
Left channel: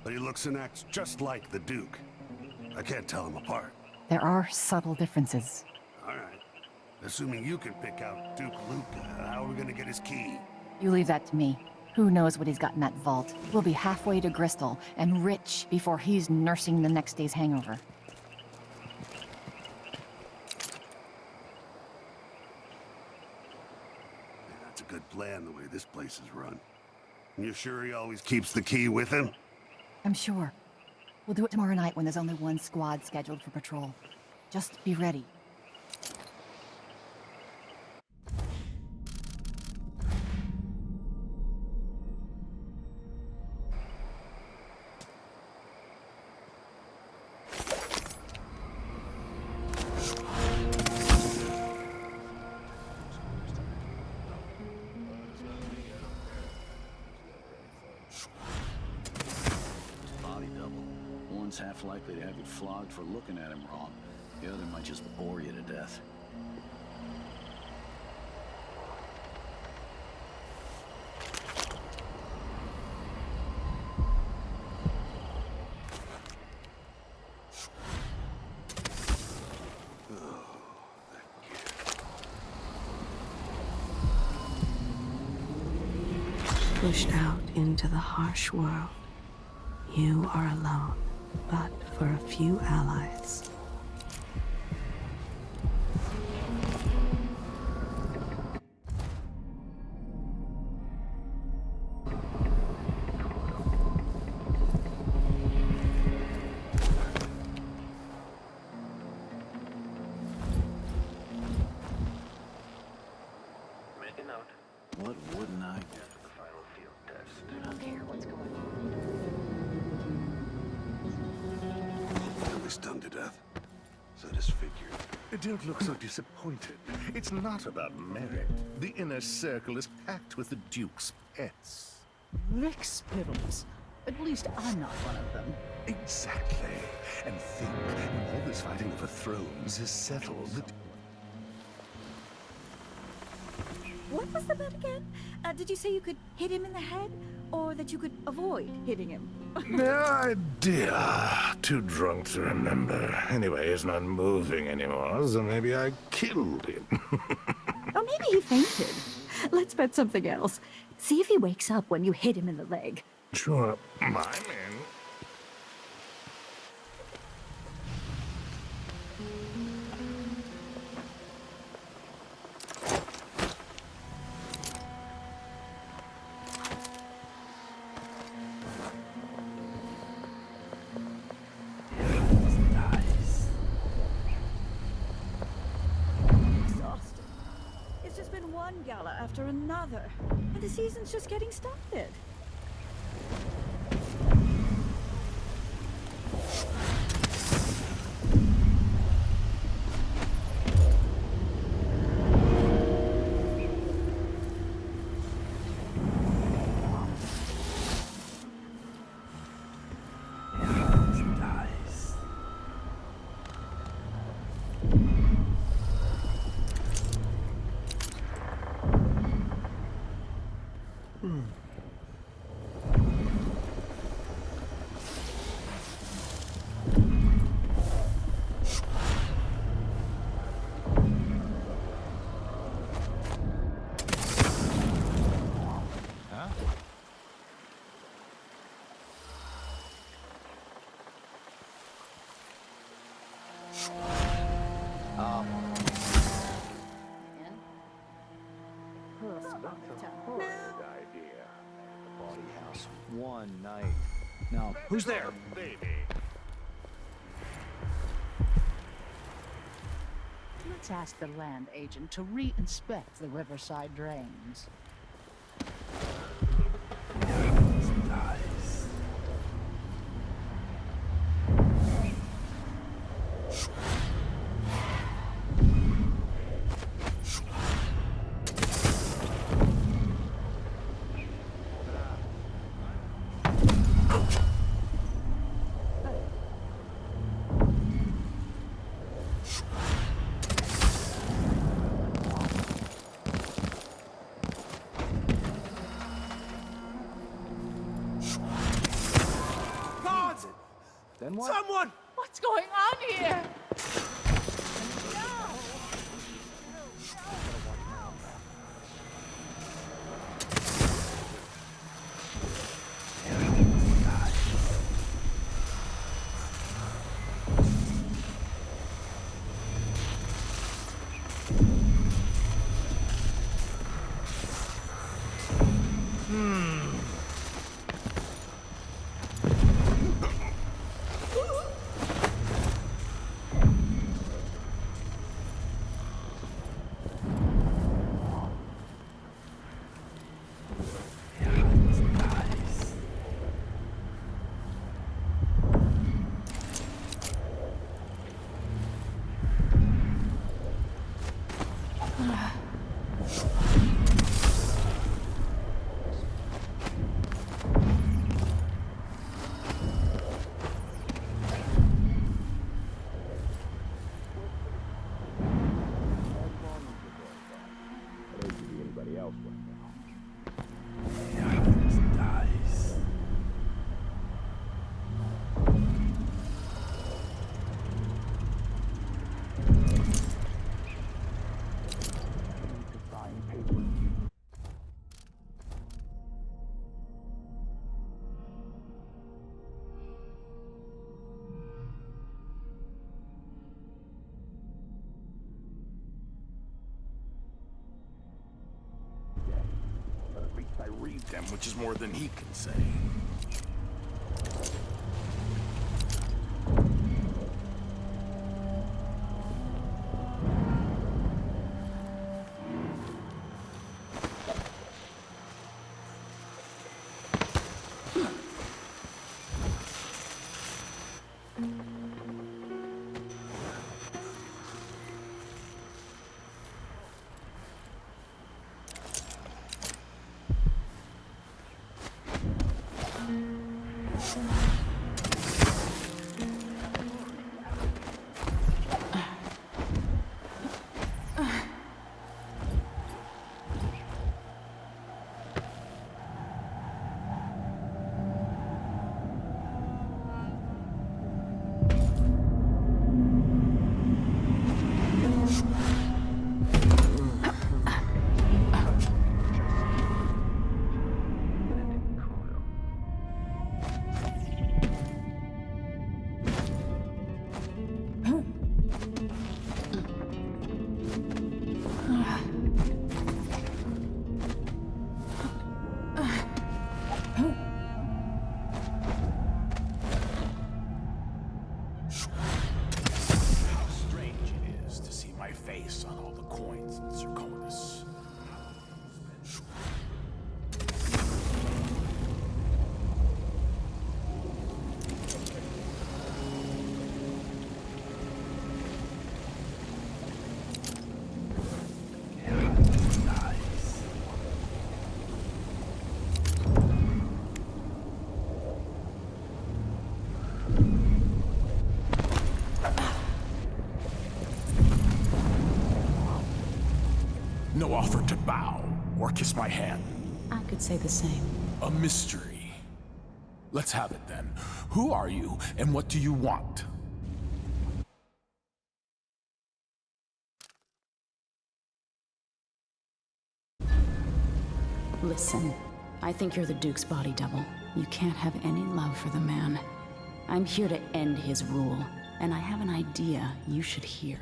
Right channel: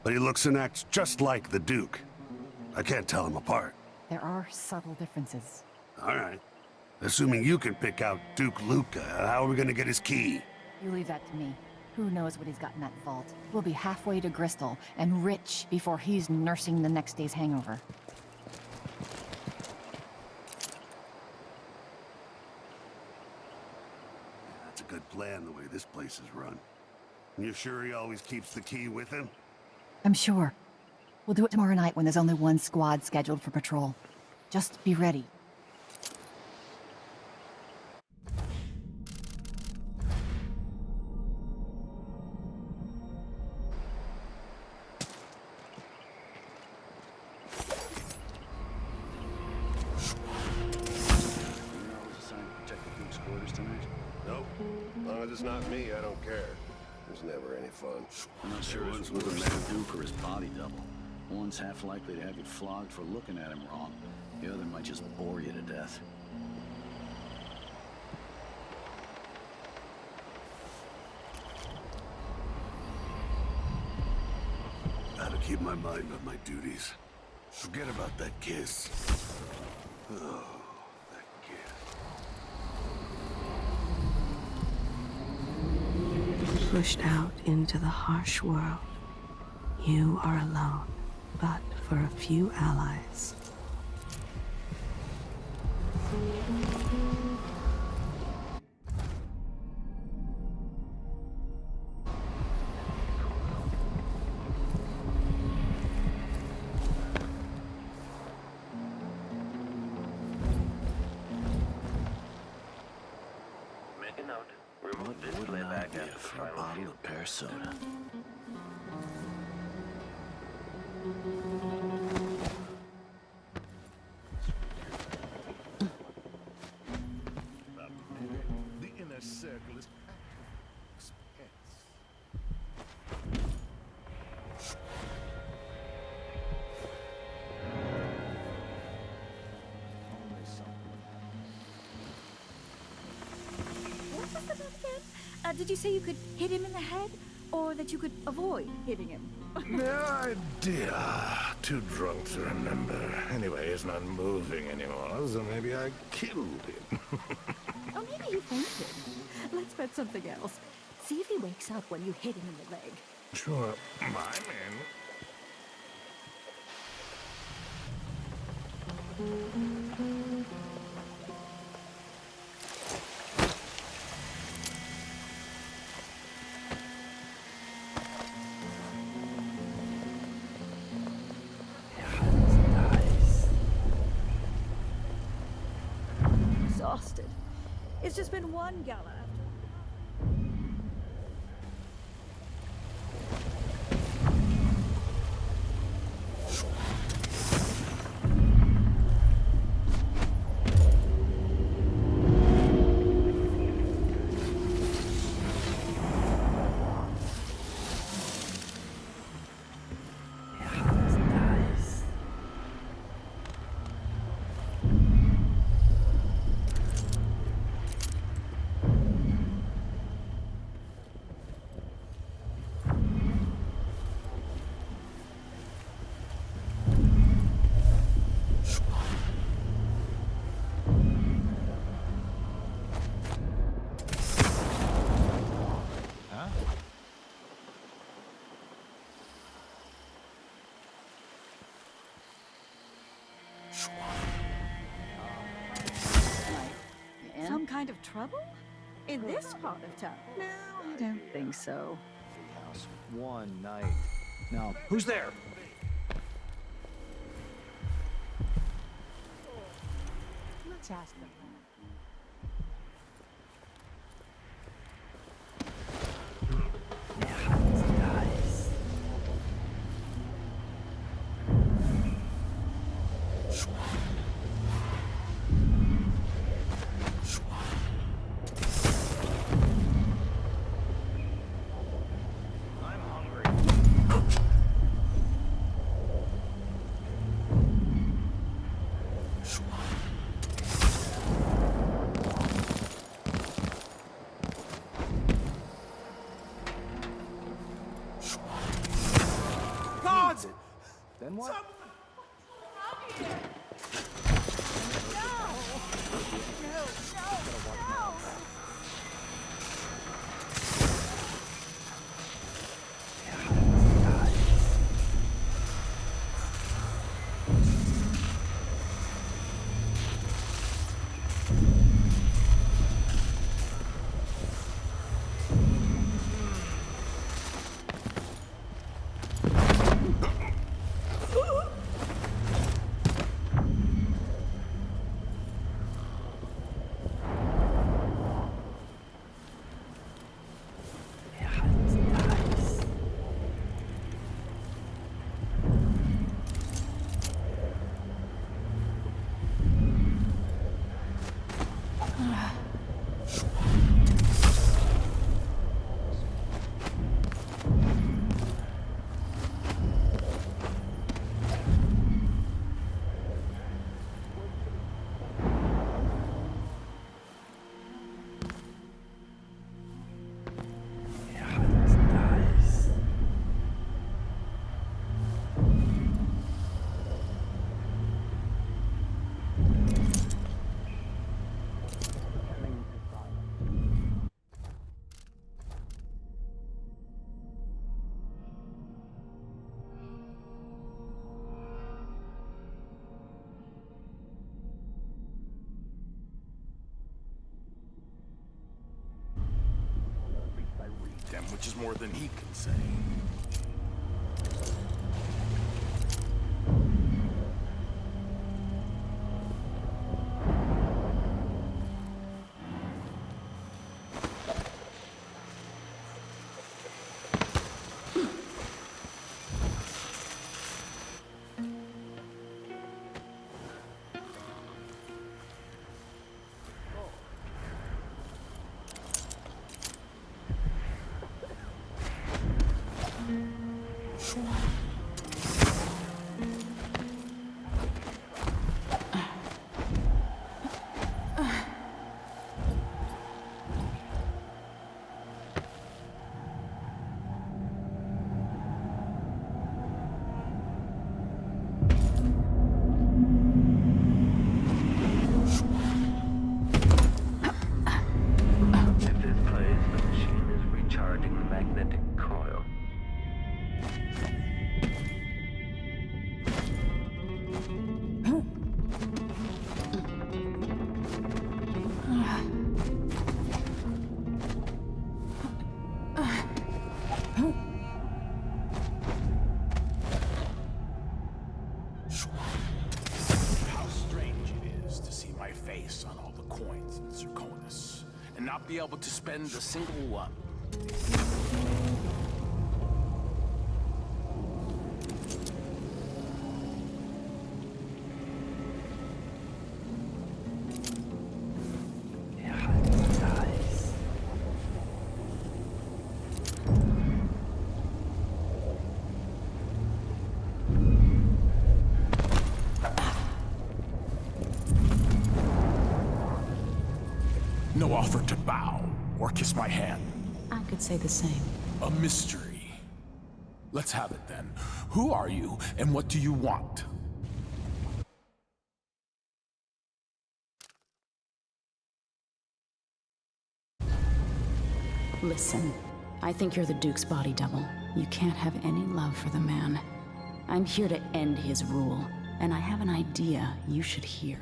but he looks and acts just like the Duke. I can't tell them apart. There are subtle differences. All right. Assuming you can pick out Duke Luca, how are we gonna get his key? You leave that to me. Who knows what he's got in that vault? We'll be halfway to Bristol and rich before he's nursing the next day's hangover. plan the way this place is run. You sure he always keeps the key with him? I'm sure. We'll do it tomorrow night when there's only one squad scheduled for patrol. Just be ready. Nope. As long as it's not me, I don't care. There's never any fun. Sure is what a man do for his body double. One's half likely to have you flogged for looking at him wrong. The other might just bore you to death. Gotta keep my mind on my duties. Forget about that kiss. Oh, that kiss. Push out into the harsh world. You are alone, but for a few allies. Make a note. What wouldn't I get for a bottle of pear soda? He's done to death. So disfigured. Don't look so disappointed. It's not about merit. The inner circle is packed with the Duke's pets. Rick Spittles. At least I'm not one of them. Exactly. And think, all this fighting for thrones is settled. What was the bet again? Did you say you could hit him in the head? Or that you could avoid hitting him? No idea. Too drunk to remember. Anyway, he's not moving anymore, so maybe I killed him. Or maybe he fainted. Let's bet something else. See if he wakes up when you hit him in the leg. Sure, I'm in. Exhausted. It's just been one gala after another, and the season's just getting started. Some kind of trouble? In this part of town? No, I don't think so. Party house one night. Now, who's there? Let's ask the land agent to re-inspect the riverside drains. Then what? Someone! What's going on here? No! No! I read them, which is more than he can say. On all the coins in Zirconis, and not be able to spend a single one. No offer to bow or kiss my hand. I could say the same. A mystery. Let's have it then. Who are you and what do you want? Listen, I think you're the Duke's body double. You can't have any love for the man. I'm here to end his rule, and I have an idea you should hear.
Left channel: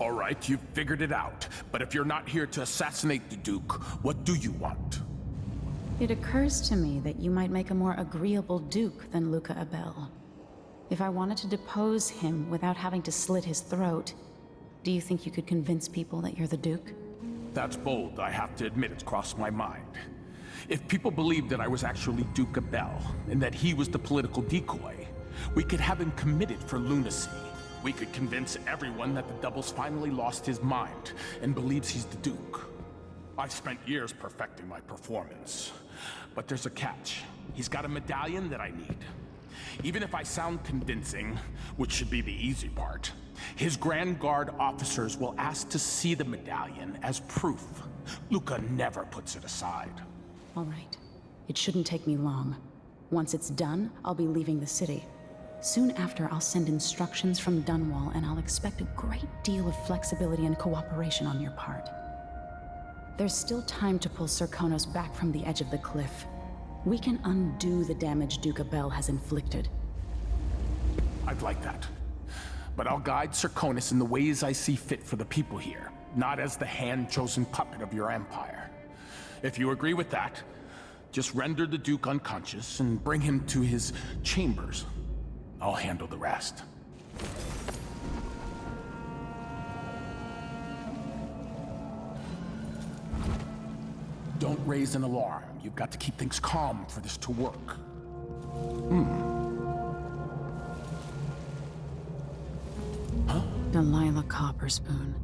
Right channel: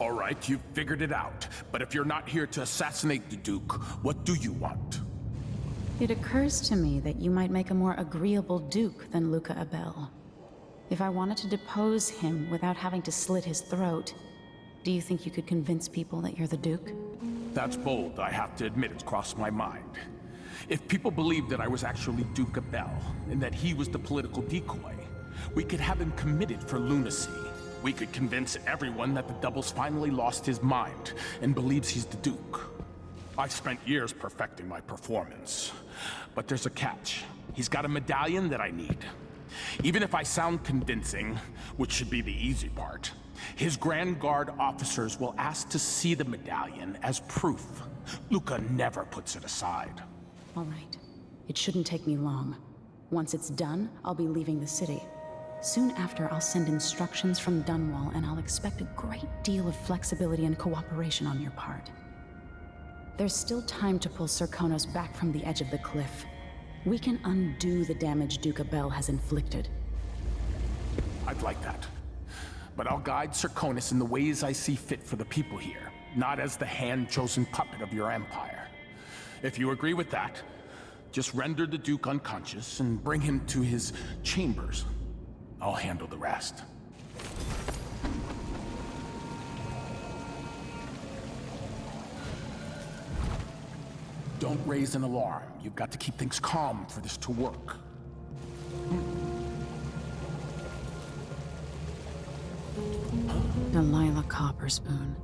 All right, you've figured it out. But if you're not here to assassinate the Duke, what do you want? It occurs to me that you might make a more agreeable Duke than Luca Abel. If I wanted to depose him without having to slit his throat, do you think you could convince people that you're the Duke? That's bold, I have to admit it's crossed my mind. If people believed that I was actually Duke Abel, and that he was the political decoy, we could have him committed for lunacy. We could convince everyone that the Double's finally lost his mind and believes he's the Duke. I've spent years perfecting my performance. But there's a catch. He's got a medallion that I need. Even if I sound convincing, which should be the easy part, his Grand Guard officers will ask to see the medallion as proof. Luca never puts it aside. All right. It shouldn't take me long. Once it's done, I'll be leaving the city. Soon after, I'll send instructions from Dunwall, and I'll expect a great deal of flexibility and cooperation on your part. There's still time to pull Zirconis back from the edge of the cliff. We can undo the damage Duke Abel has inflicted. I'd like that. But I'll guide Zirconis in the ways I see fit for the people here, not as the hand-chosen puppet of your empire. If you agree with that, just render the Duke unconscious and bring him to his chambers. I'll handle the rest. Don't raise an alarm. You've got to keep things calm for this to work. Huh? Delilah Copperspoon.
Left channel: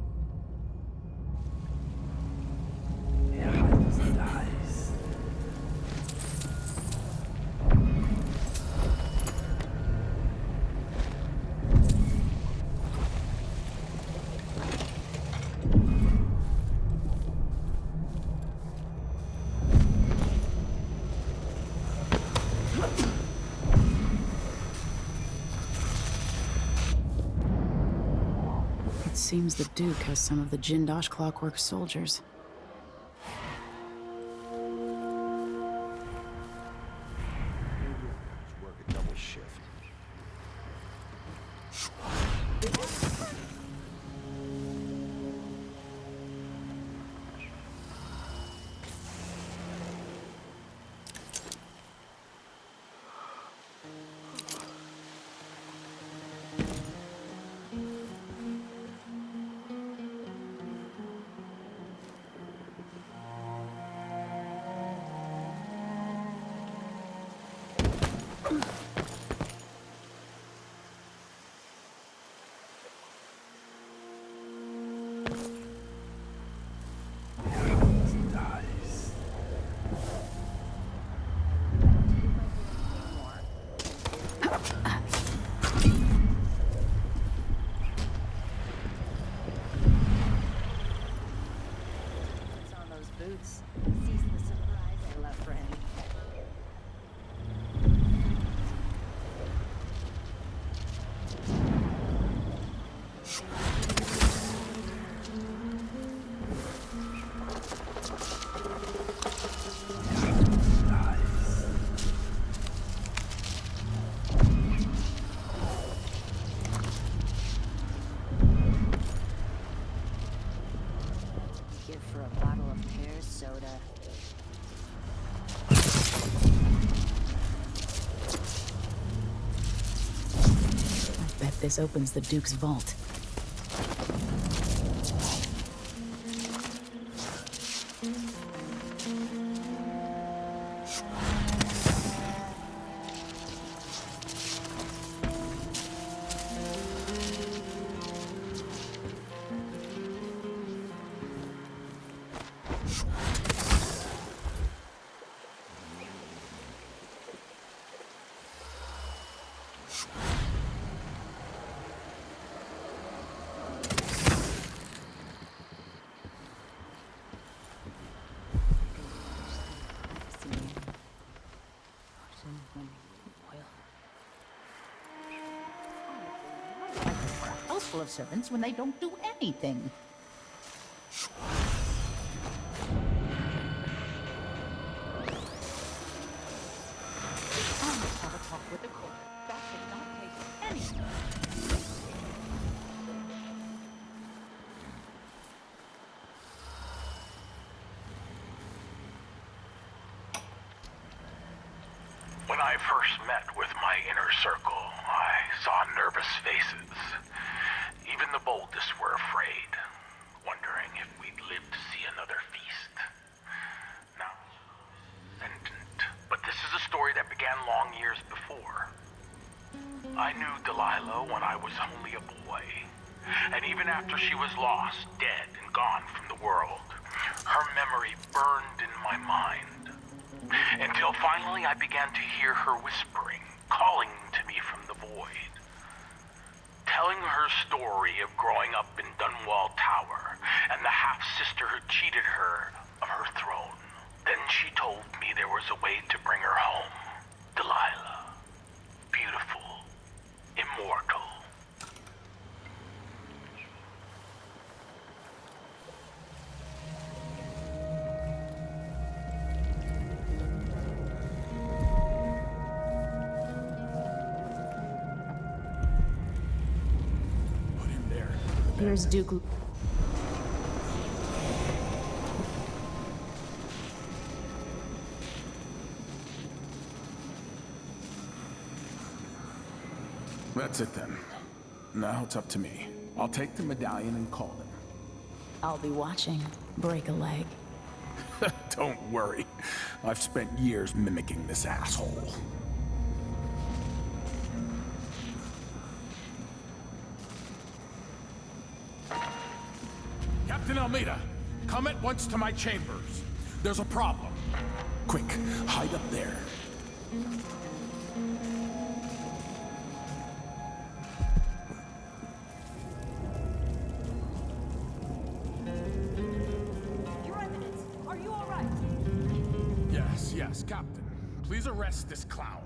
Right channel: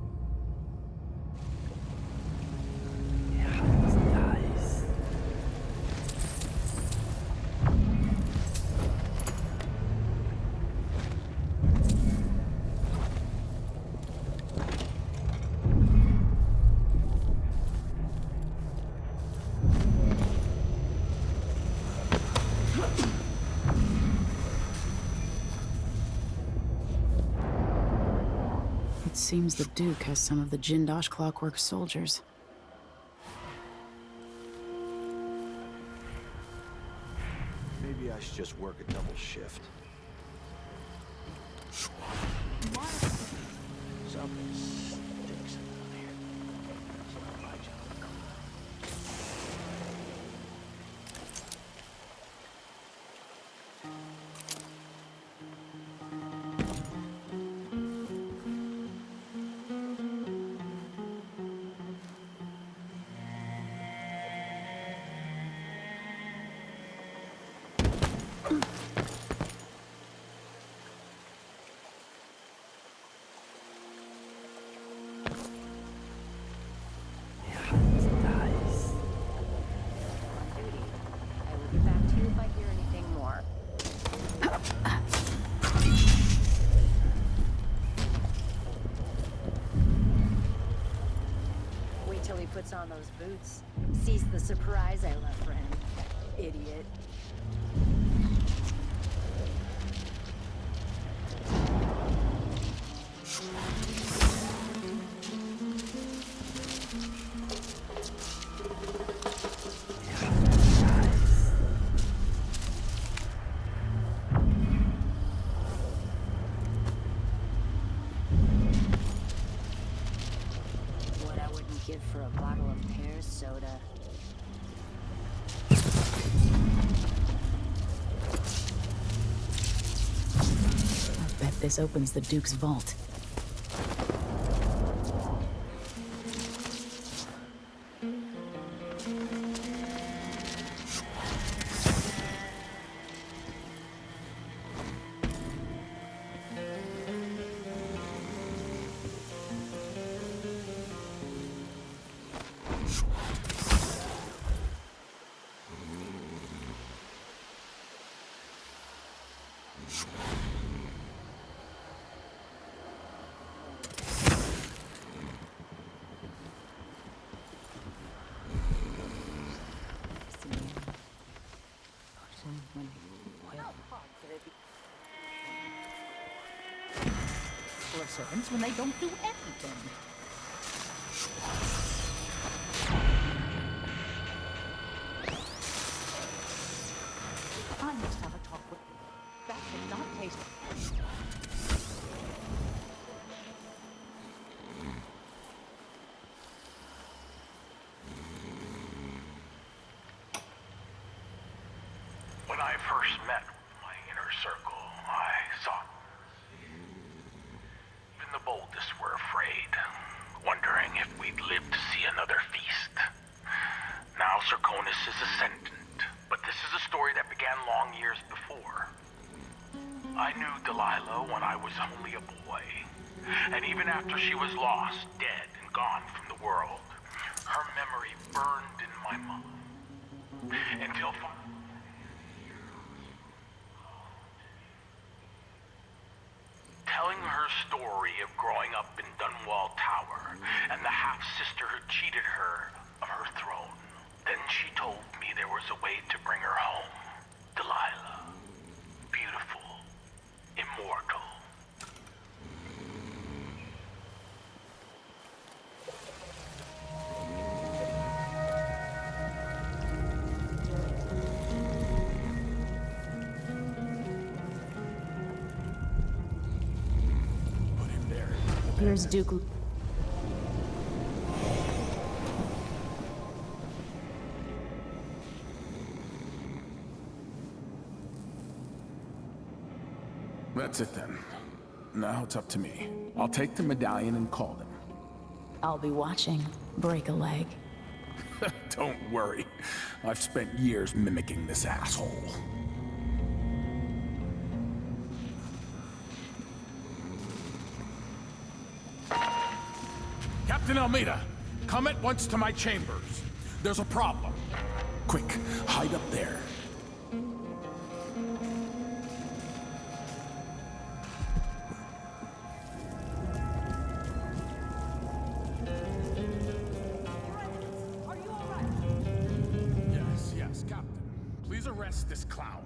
It seems the Duke has some of the Jindosh Clockwork soldiers. Maybe I should just work a double shift. On those boots. Sees the surprise I left for him. Idiot. Give for a bottle of pear soda. I bet this opens the Duke's vault. Full of servants when they don't do anything. I must have a talk with the cook. That did not taste anything. When I first met with my inner circle, I saw nervous faces. Even the boldest were afraid, wondering if we'd live to see another feast. Now Zirconis is ascendant, but this is a story that began long years before. I knew Delilah when I was only a boy, and even after she was lost, dead, and gone from the world, her memory burned in my mind. Until finally I began to hear her whispering, calling to me from the void. Telling her story of growing up in Dunwall Tower and the half-sister who cheated her of her throne. Then she told me there was a way to bring her home. Delilah. Beautiful. Immortal. Here's Duke. That's it then. Now it's up to me. I'll take the medallion and call them. I'll be watching. Break a leg. Don't worry. I've spent years mimicking this asshole. Captain Almeida, come at once to my chambers. There's a problem. Quick, hide up there. Your Eminence, are you all right? Yes, Captain. Please arrest this clown.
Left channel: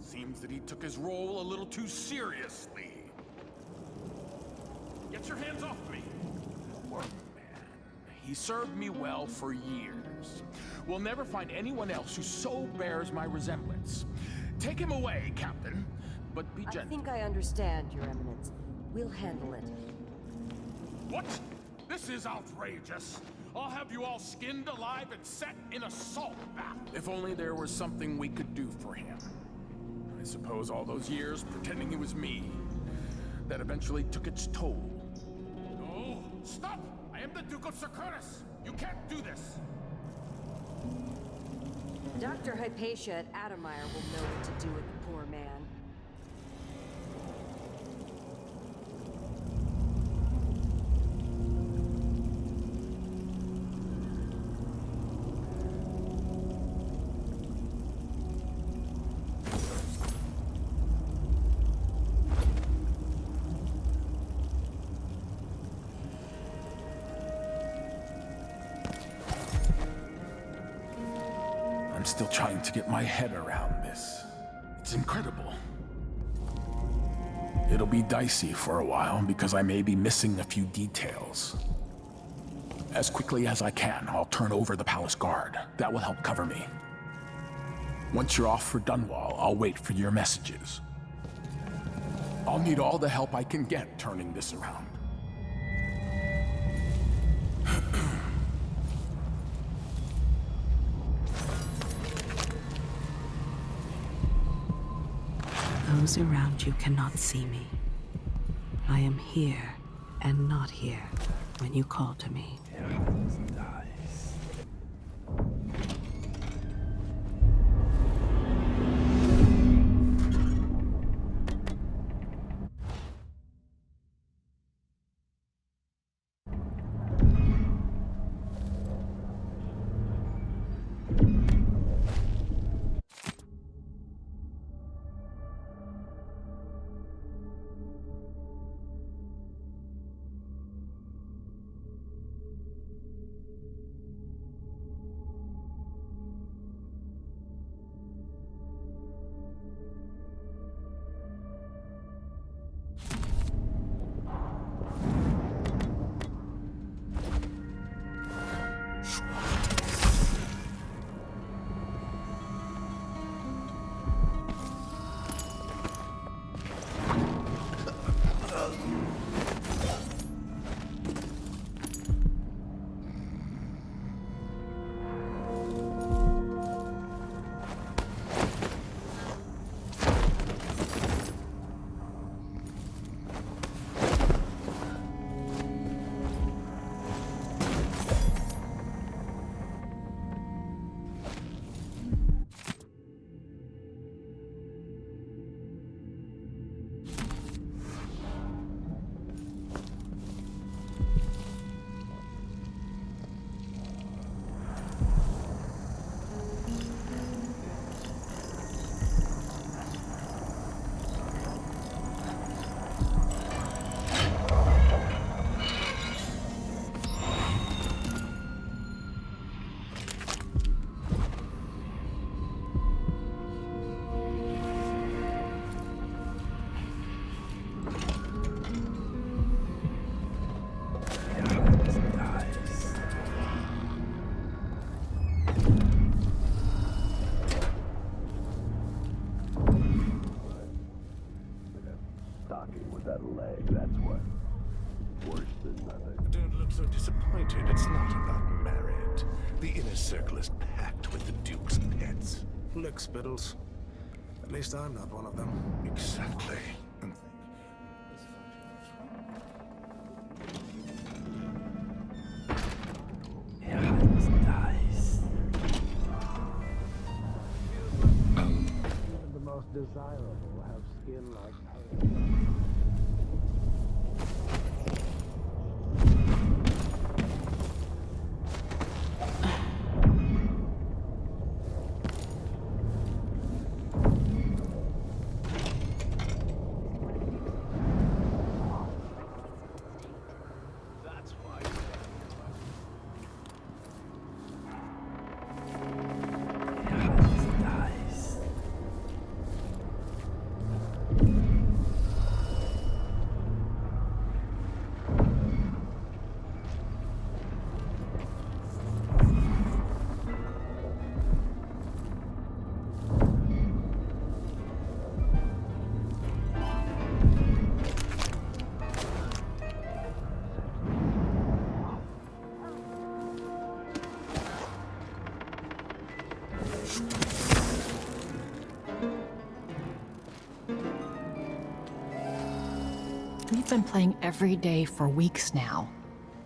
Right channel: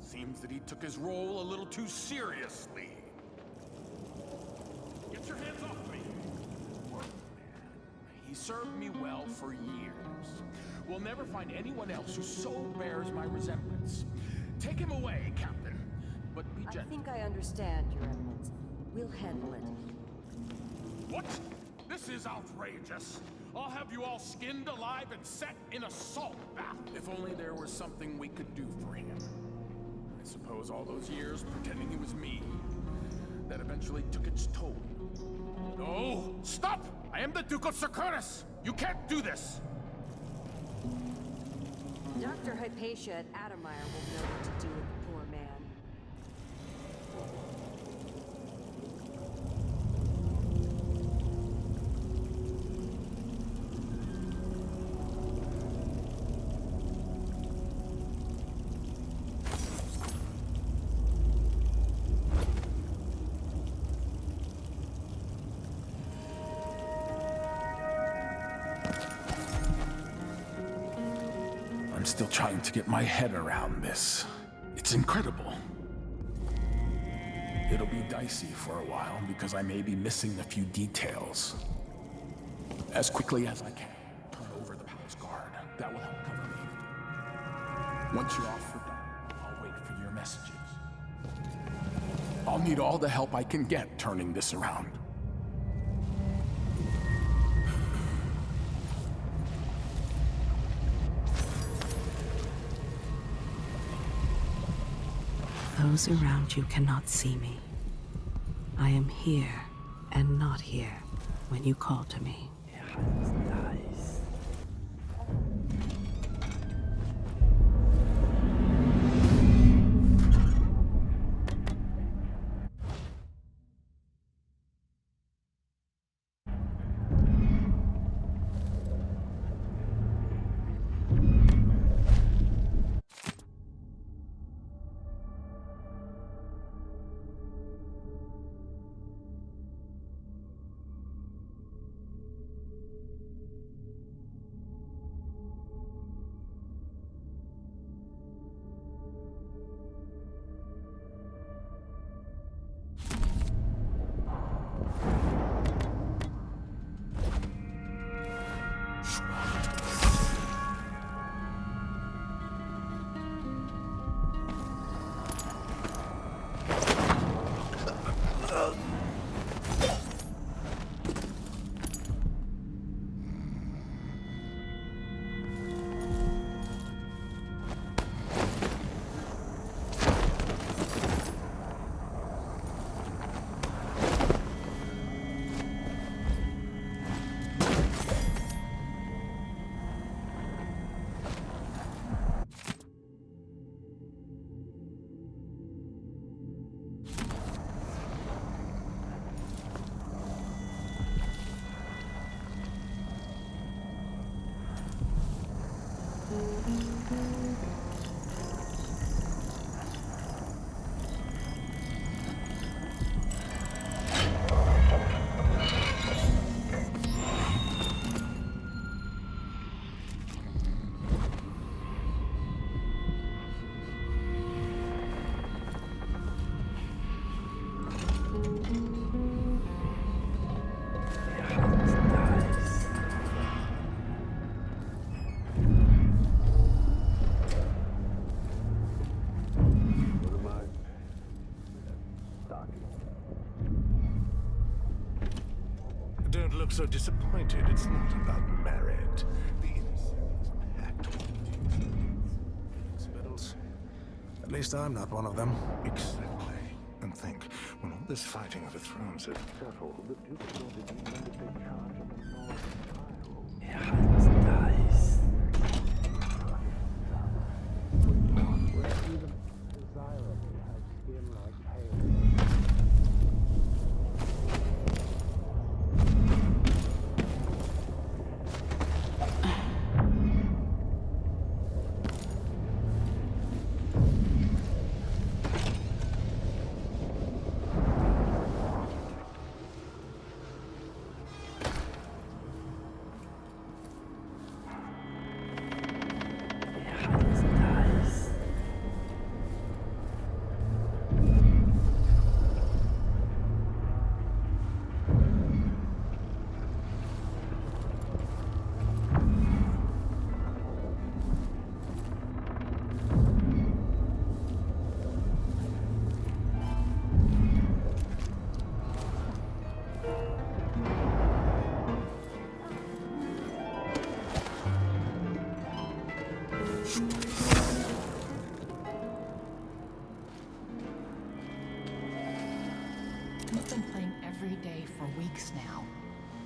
Seems that he took his role a little too seriously. Get your hands off me! Poor man. He served me well for years. We'll never find anyone else who so bears my resemblance. Take him away, Captain, but be gentle. I think I understand, Your Eminence. We'll handle it. What? This is outrageous. I'll have you all skinned alive and set in a salt bath. If only there was something we could do for him. I suppose all those years pretending he was me, that eventually took its toll. No! Stop! I am the Duke of Zirconis! You can't do this! Dr. Hypatia at Adamire will know what to do with the poor man. I'm still trying to get my head around this. It's incredible. It'll be dicey for a while because I may be missing a few details. As quickly as I can, I'll turn over the palace guard. That will help cover me. Once you're off for Dunwall, I'll wait for your messages. I'll need all the help I can get turning this around. Those around you cannot see me. I am here and not here when you call to me. Don't look so disappointed. It's not about merit. The inner circle is packed with the Duke's pets. Look, Spittles. At least I'm not one of them. Exactly. And think, when all this fighting of the thrones had settled, the Duke will be Dice. Even the most desirable have skin like hail. We've been playing every day for weeks now.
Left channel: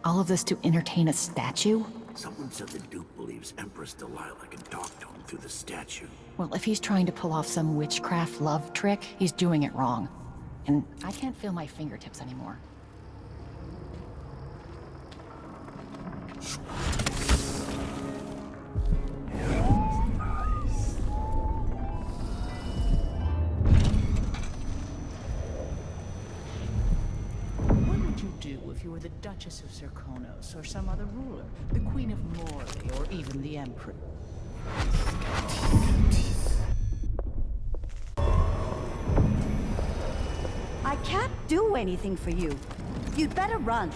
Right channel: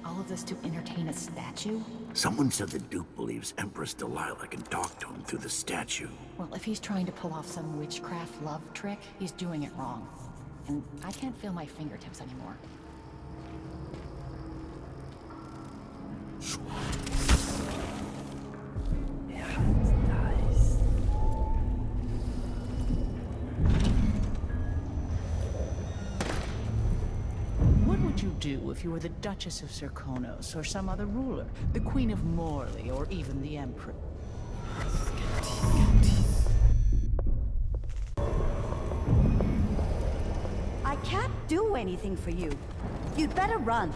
All of this to entertain a statue? Someone said the Duke believes Empress Delilah can talk to him through the statue. Well, if he's trying to pull off some witchcraft love trick, he's doing it wrong. And I can't feel my fingertips anymore. What would you do if you were the Duchess of Serkonos, or some other ruler? The Queen of Morley, or even the Empress? I can't do anything for you. You'd better run.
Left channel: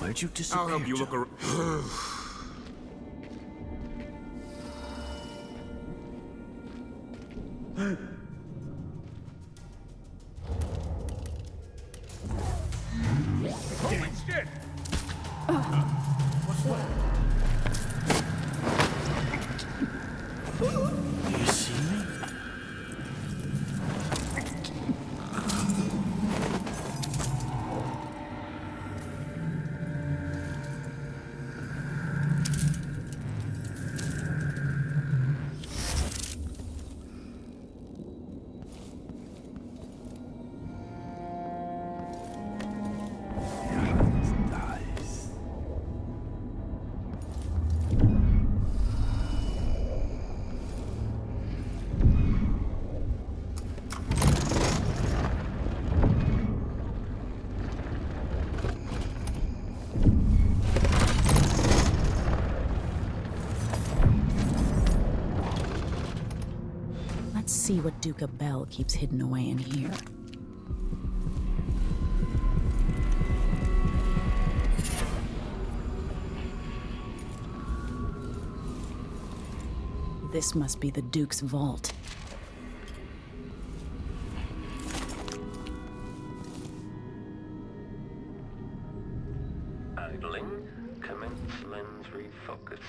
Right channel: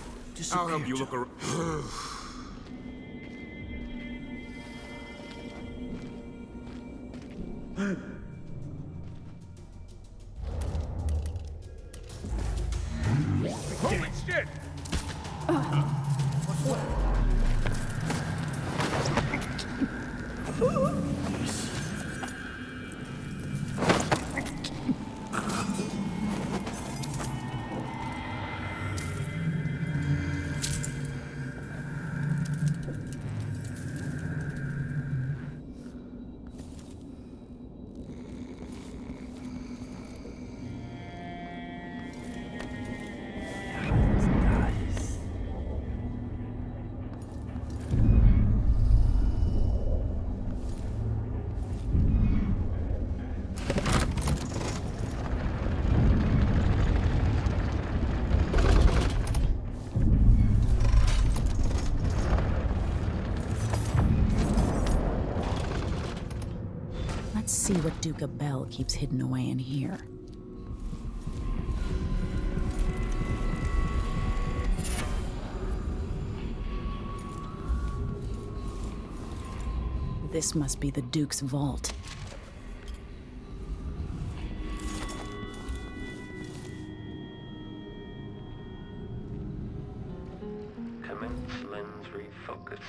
Where'd you disappear? I'll help you look around. Holy shit! What's that? You see? Let's see what Duke Abel keeps hidden away in here. This must be the Duke's vault. Idling. Commence lens refocus.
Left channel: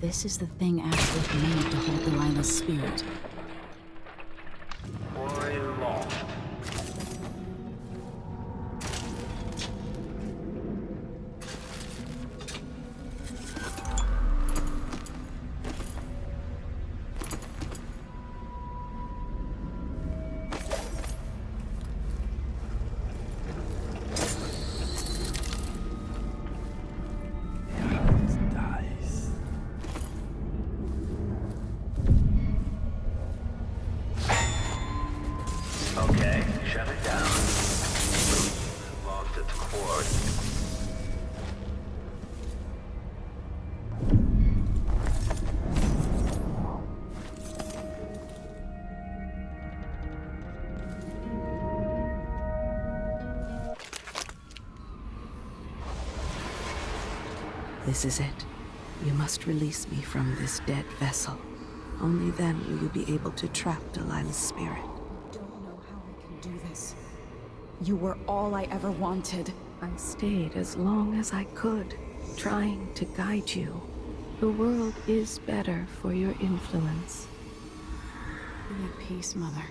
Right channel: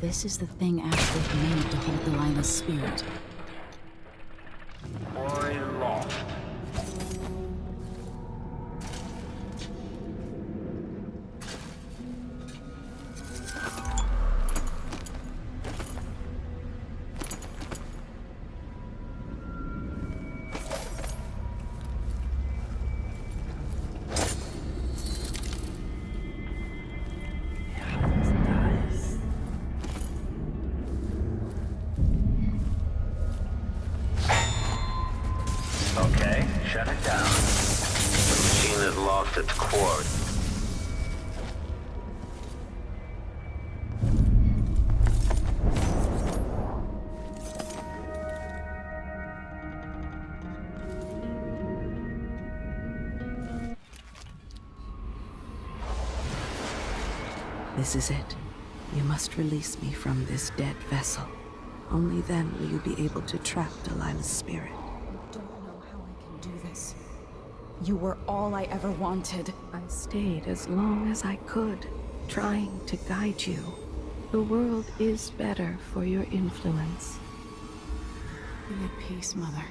This is the thing Ashworth made to hold Delilah's spirit. Quarry lost. Okay, shut it down. The machine has lost its cord. This is it. You must release me from this dead vessel. Only then will you be able to trap Delilah's spirit. I don't know how I can do this. You were all I ever wanted. I stayed as long as I could, trying to guide you. The world is better for your influence. Be at peace, Mother.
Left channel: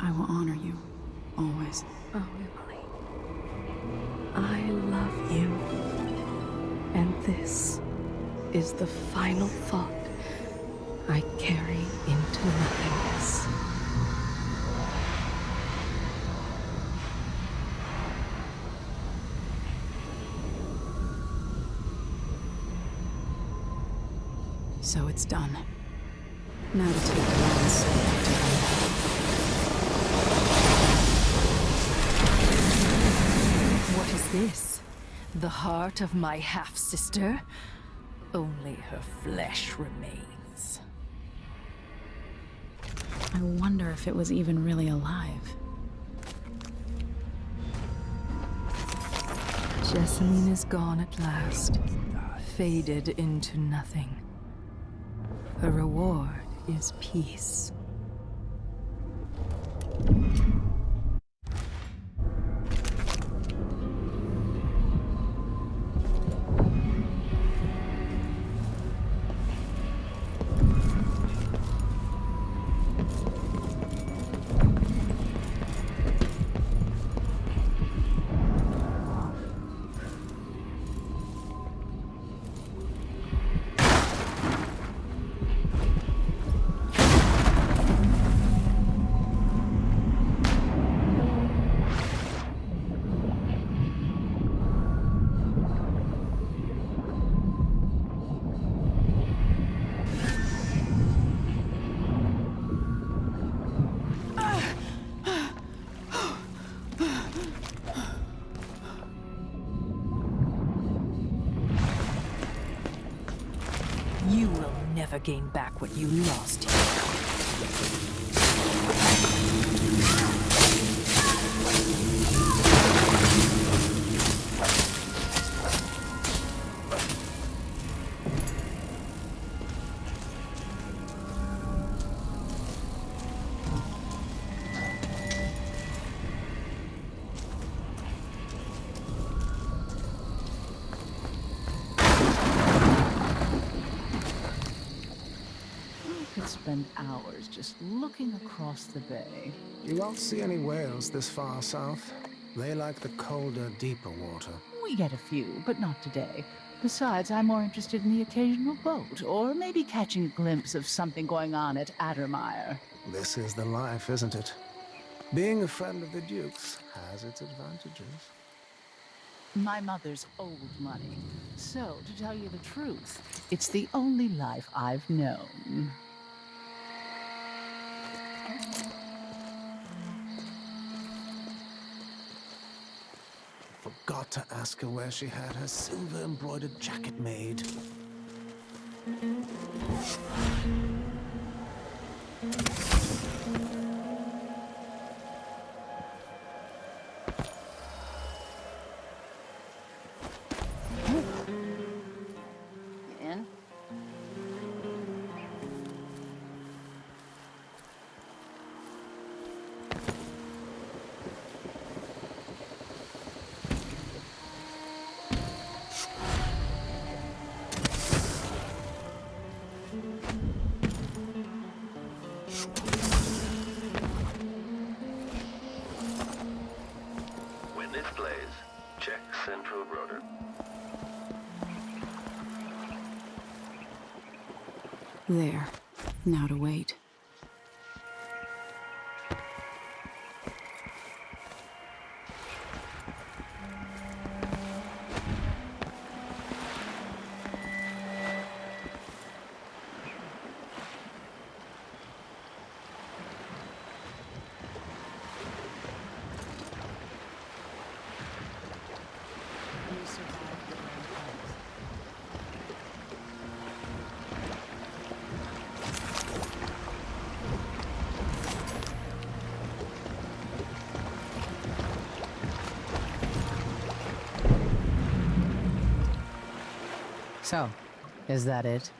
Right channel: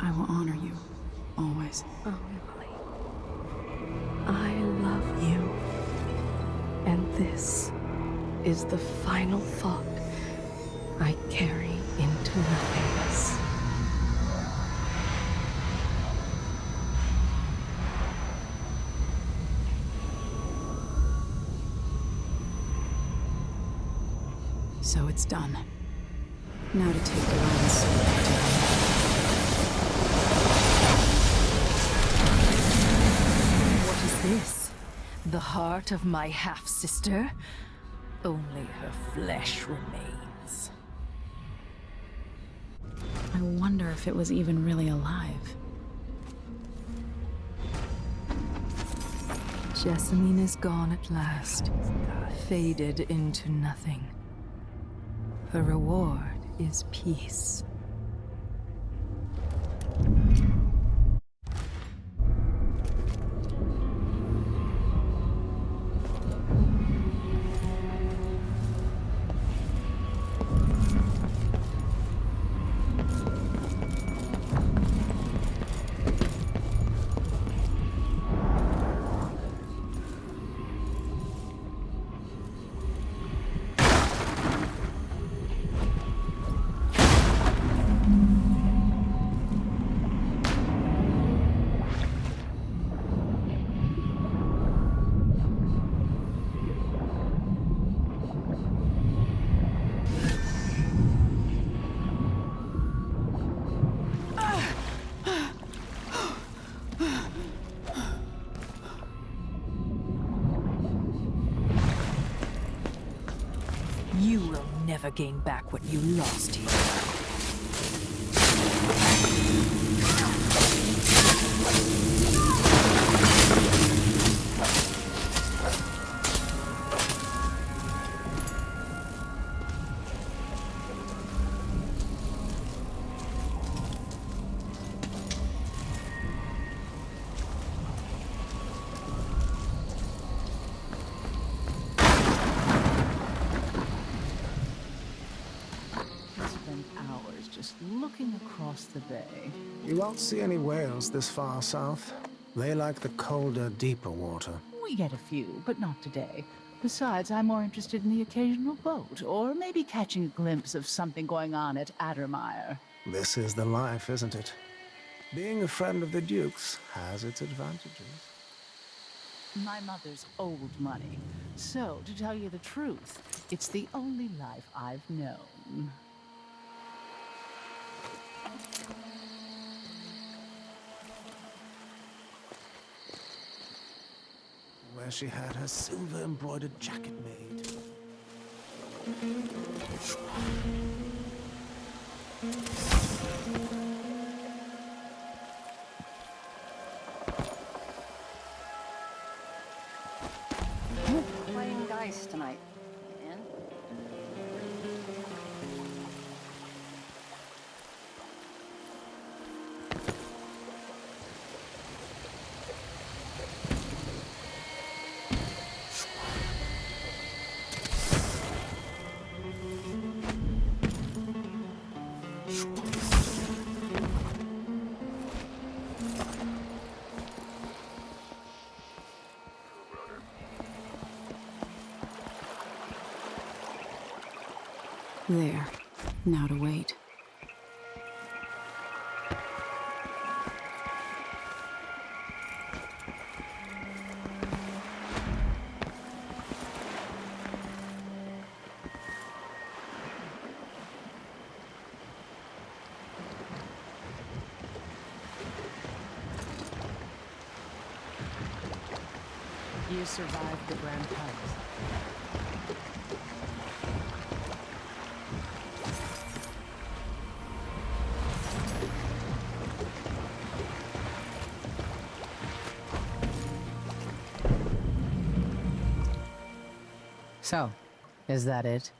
I will honor you, always. I love you. And this is the final thought I carry into the graves. So it's done. Now to take the lion's soul back to life. The heart of my half-sister? Only her flesh remains. I wonder if it was even really alive. Jessamine is gone at last, faded into nothing. Her reward is peace. Gain back what you lost. Spend hours just looking across the bay. You won't see any whales this far south. They like the colder, deeper water. We get a few, but not today. Besides, I'm more interested in the occasional boat, or maybe catching a glimpse of something going on at Addermire. This is the life, isn't it? Being a friend of the Duke's has its advantages. My mother's old money. So, to tell you the truth, it's the only life I've known. Forgot to ask her where she had her silver-embroidered jacket made. Playing dice tonight. You in? There. Now to wait. You survived the Grand Palace. So, is that it?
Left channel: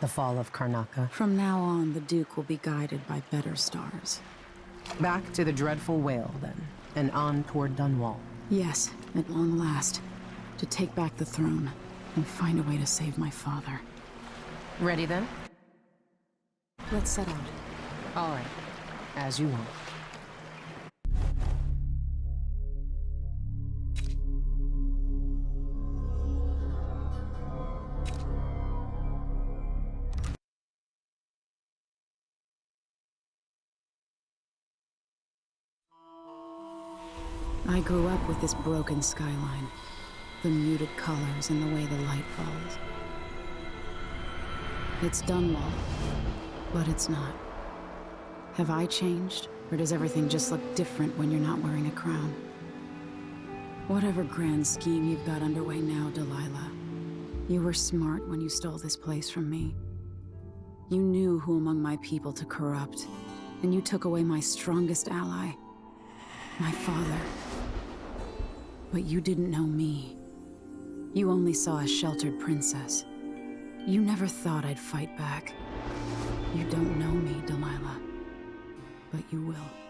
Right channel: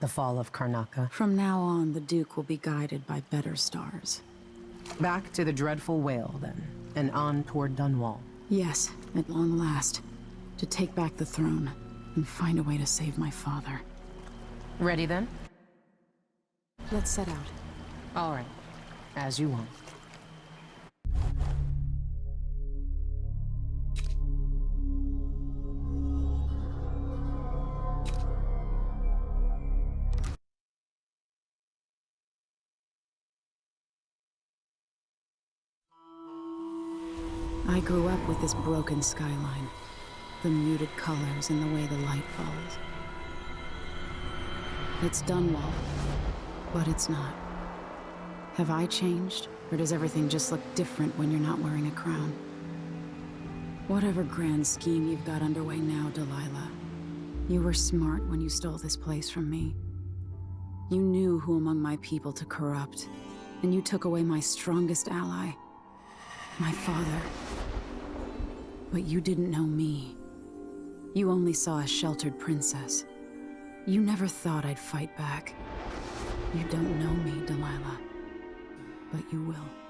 The fall of Karnaca? From now on, the Duke will be guided by better stars. Back to the dreadful whale, then, and on toward Dunwall. Yes, at long last. To take back the throne, and find a way to save my father. Ready, then? Let's set out. All right. As you want. I grew up with this broken skyline, the muted colors and the way the light falls. It's Dunwall, but it's not. Have I changed, or does everything just look different when you're not wearing a crown? Whatever grand scheme you've got underway now, Delilah, you were smart when you stole this place from me. You knew who among my people to corrupt, and you took away my strongest ally, my father. But you didn't know me. You only saw a sheltered princess. You never thought I'd fight back. You don't know me, Delilah. But you will.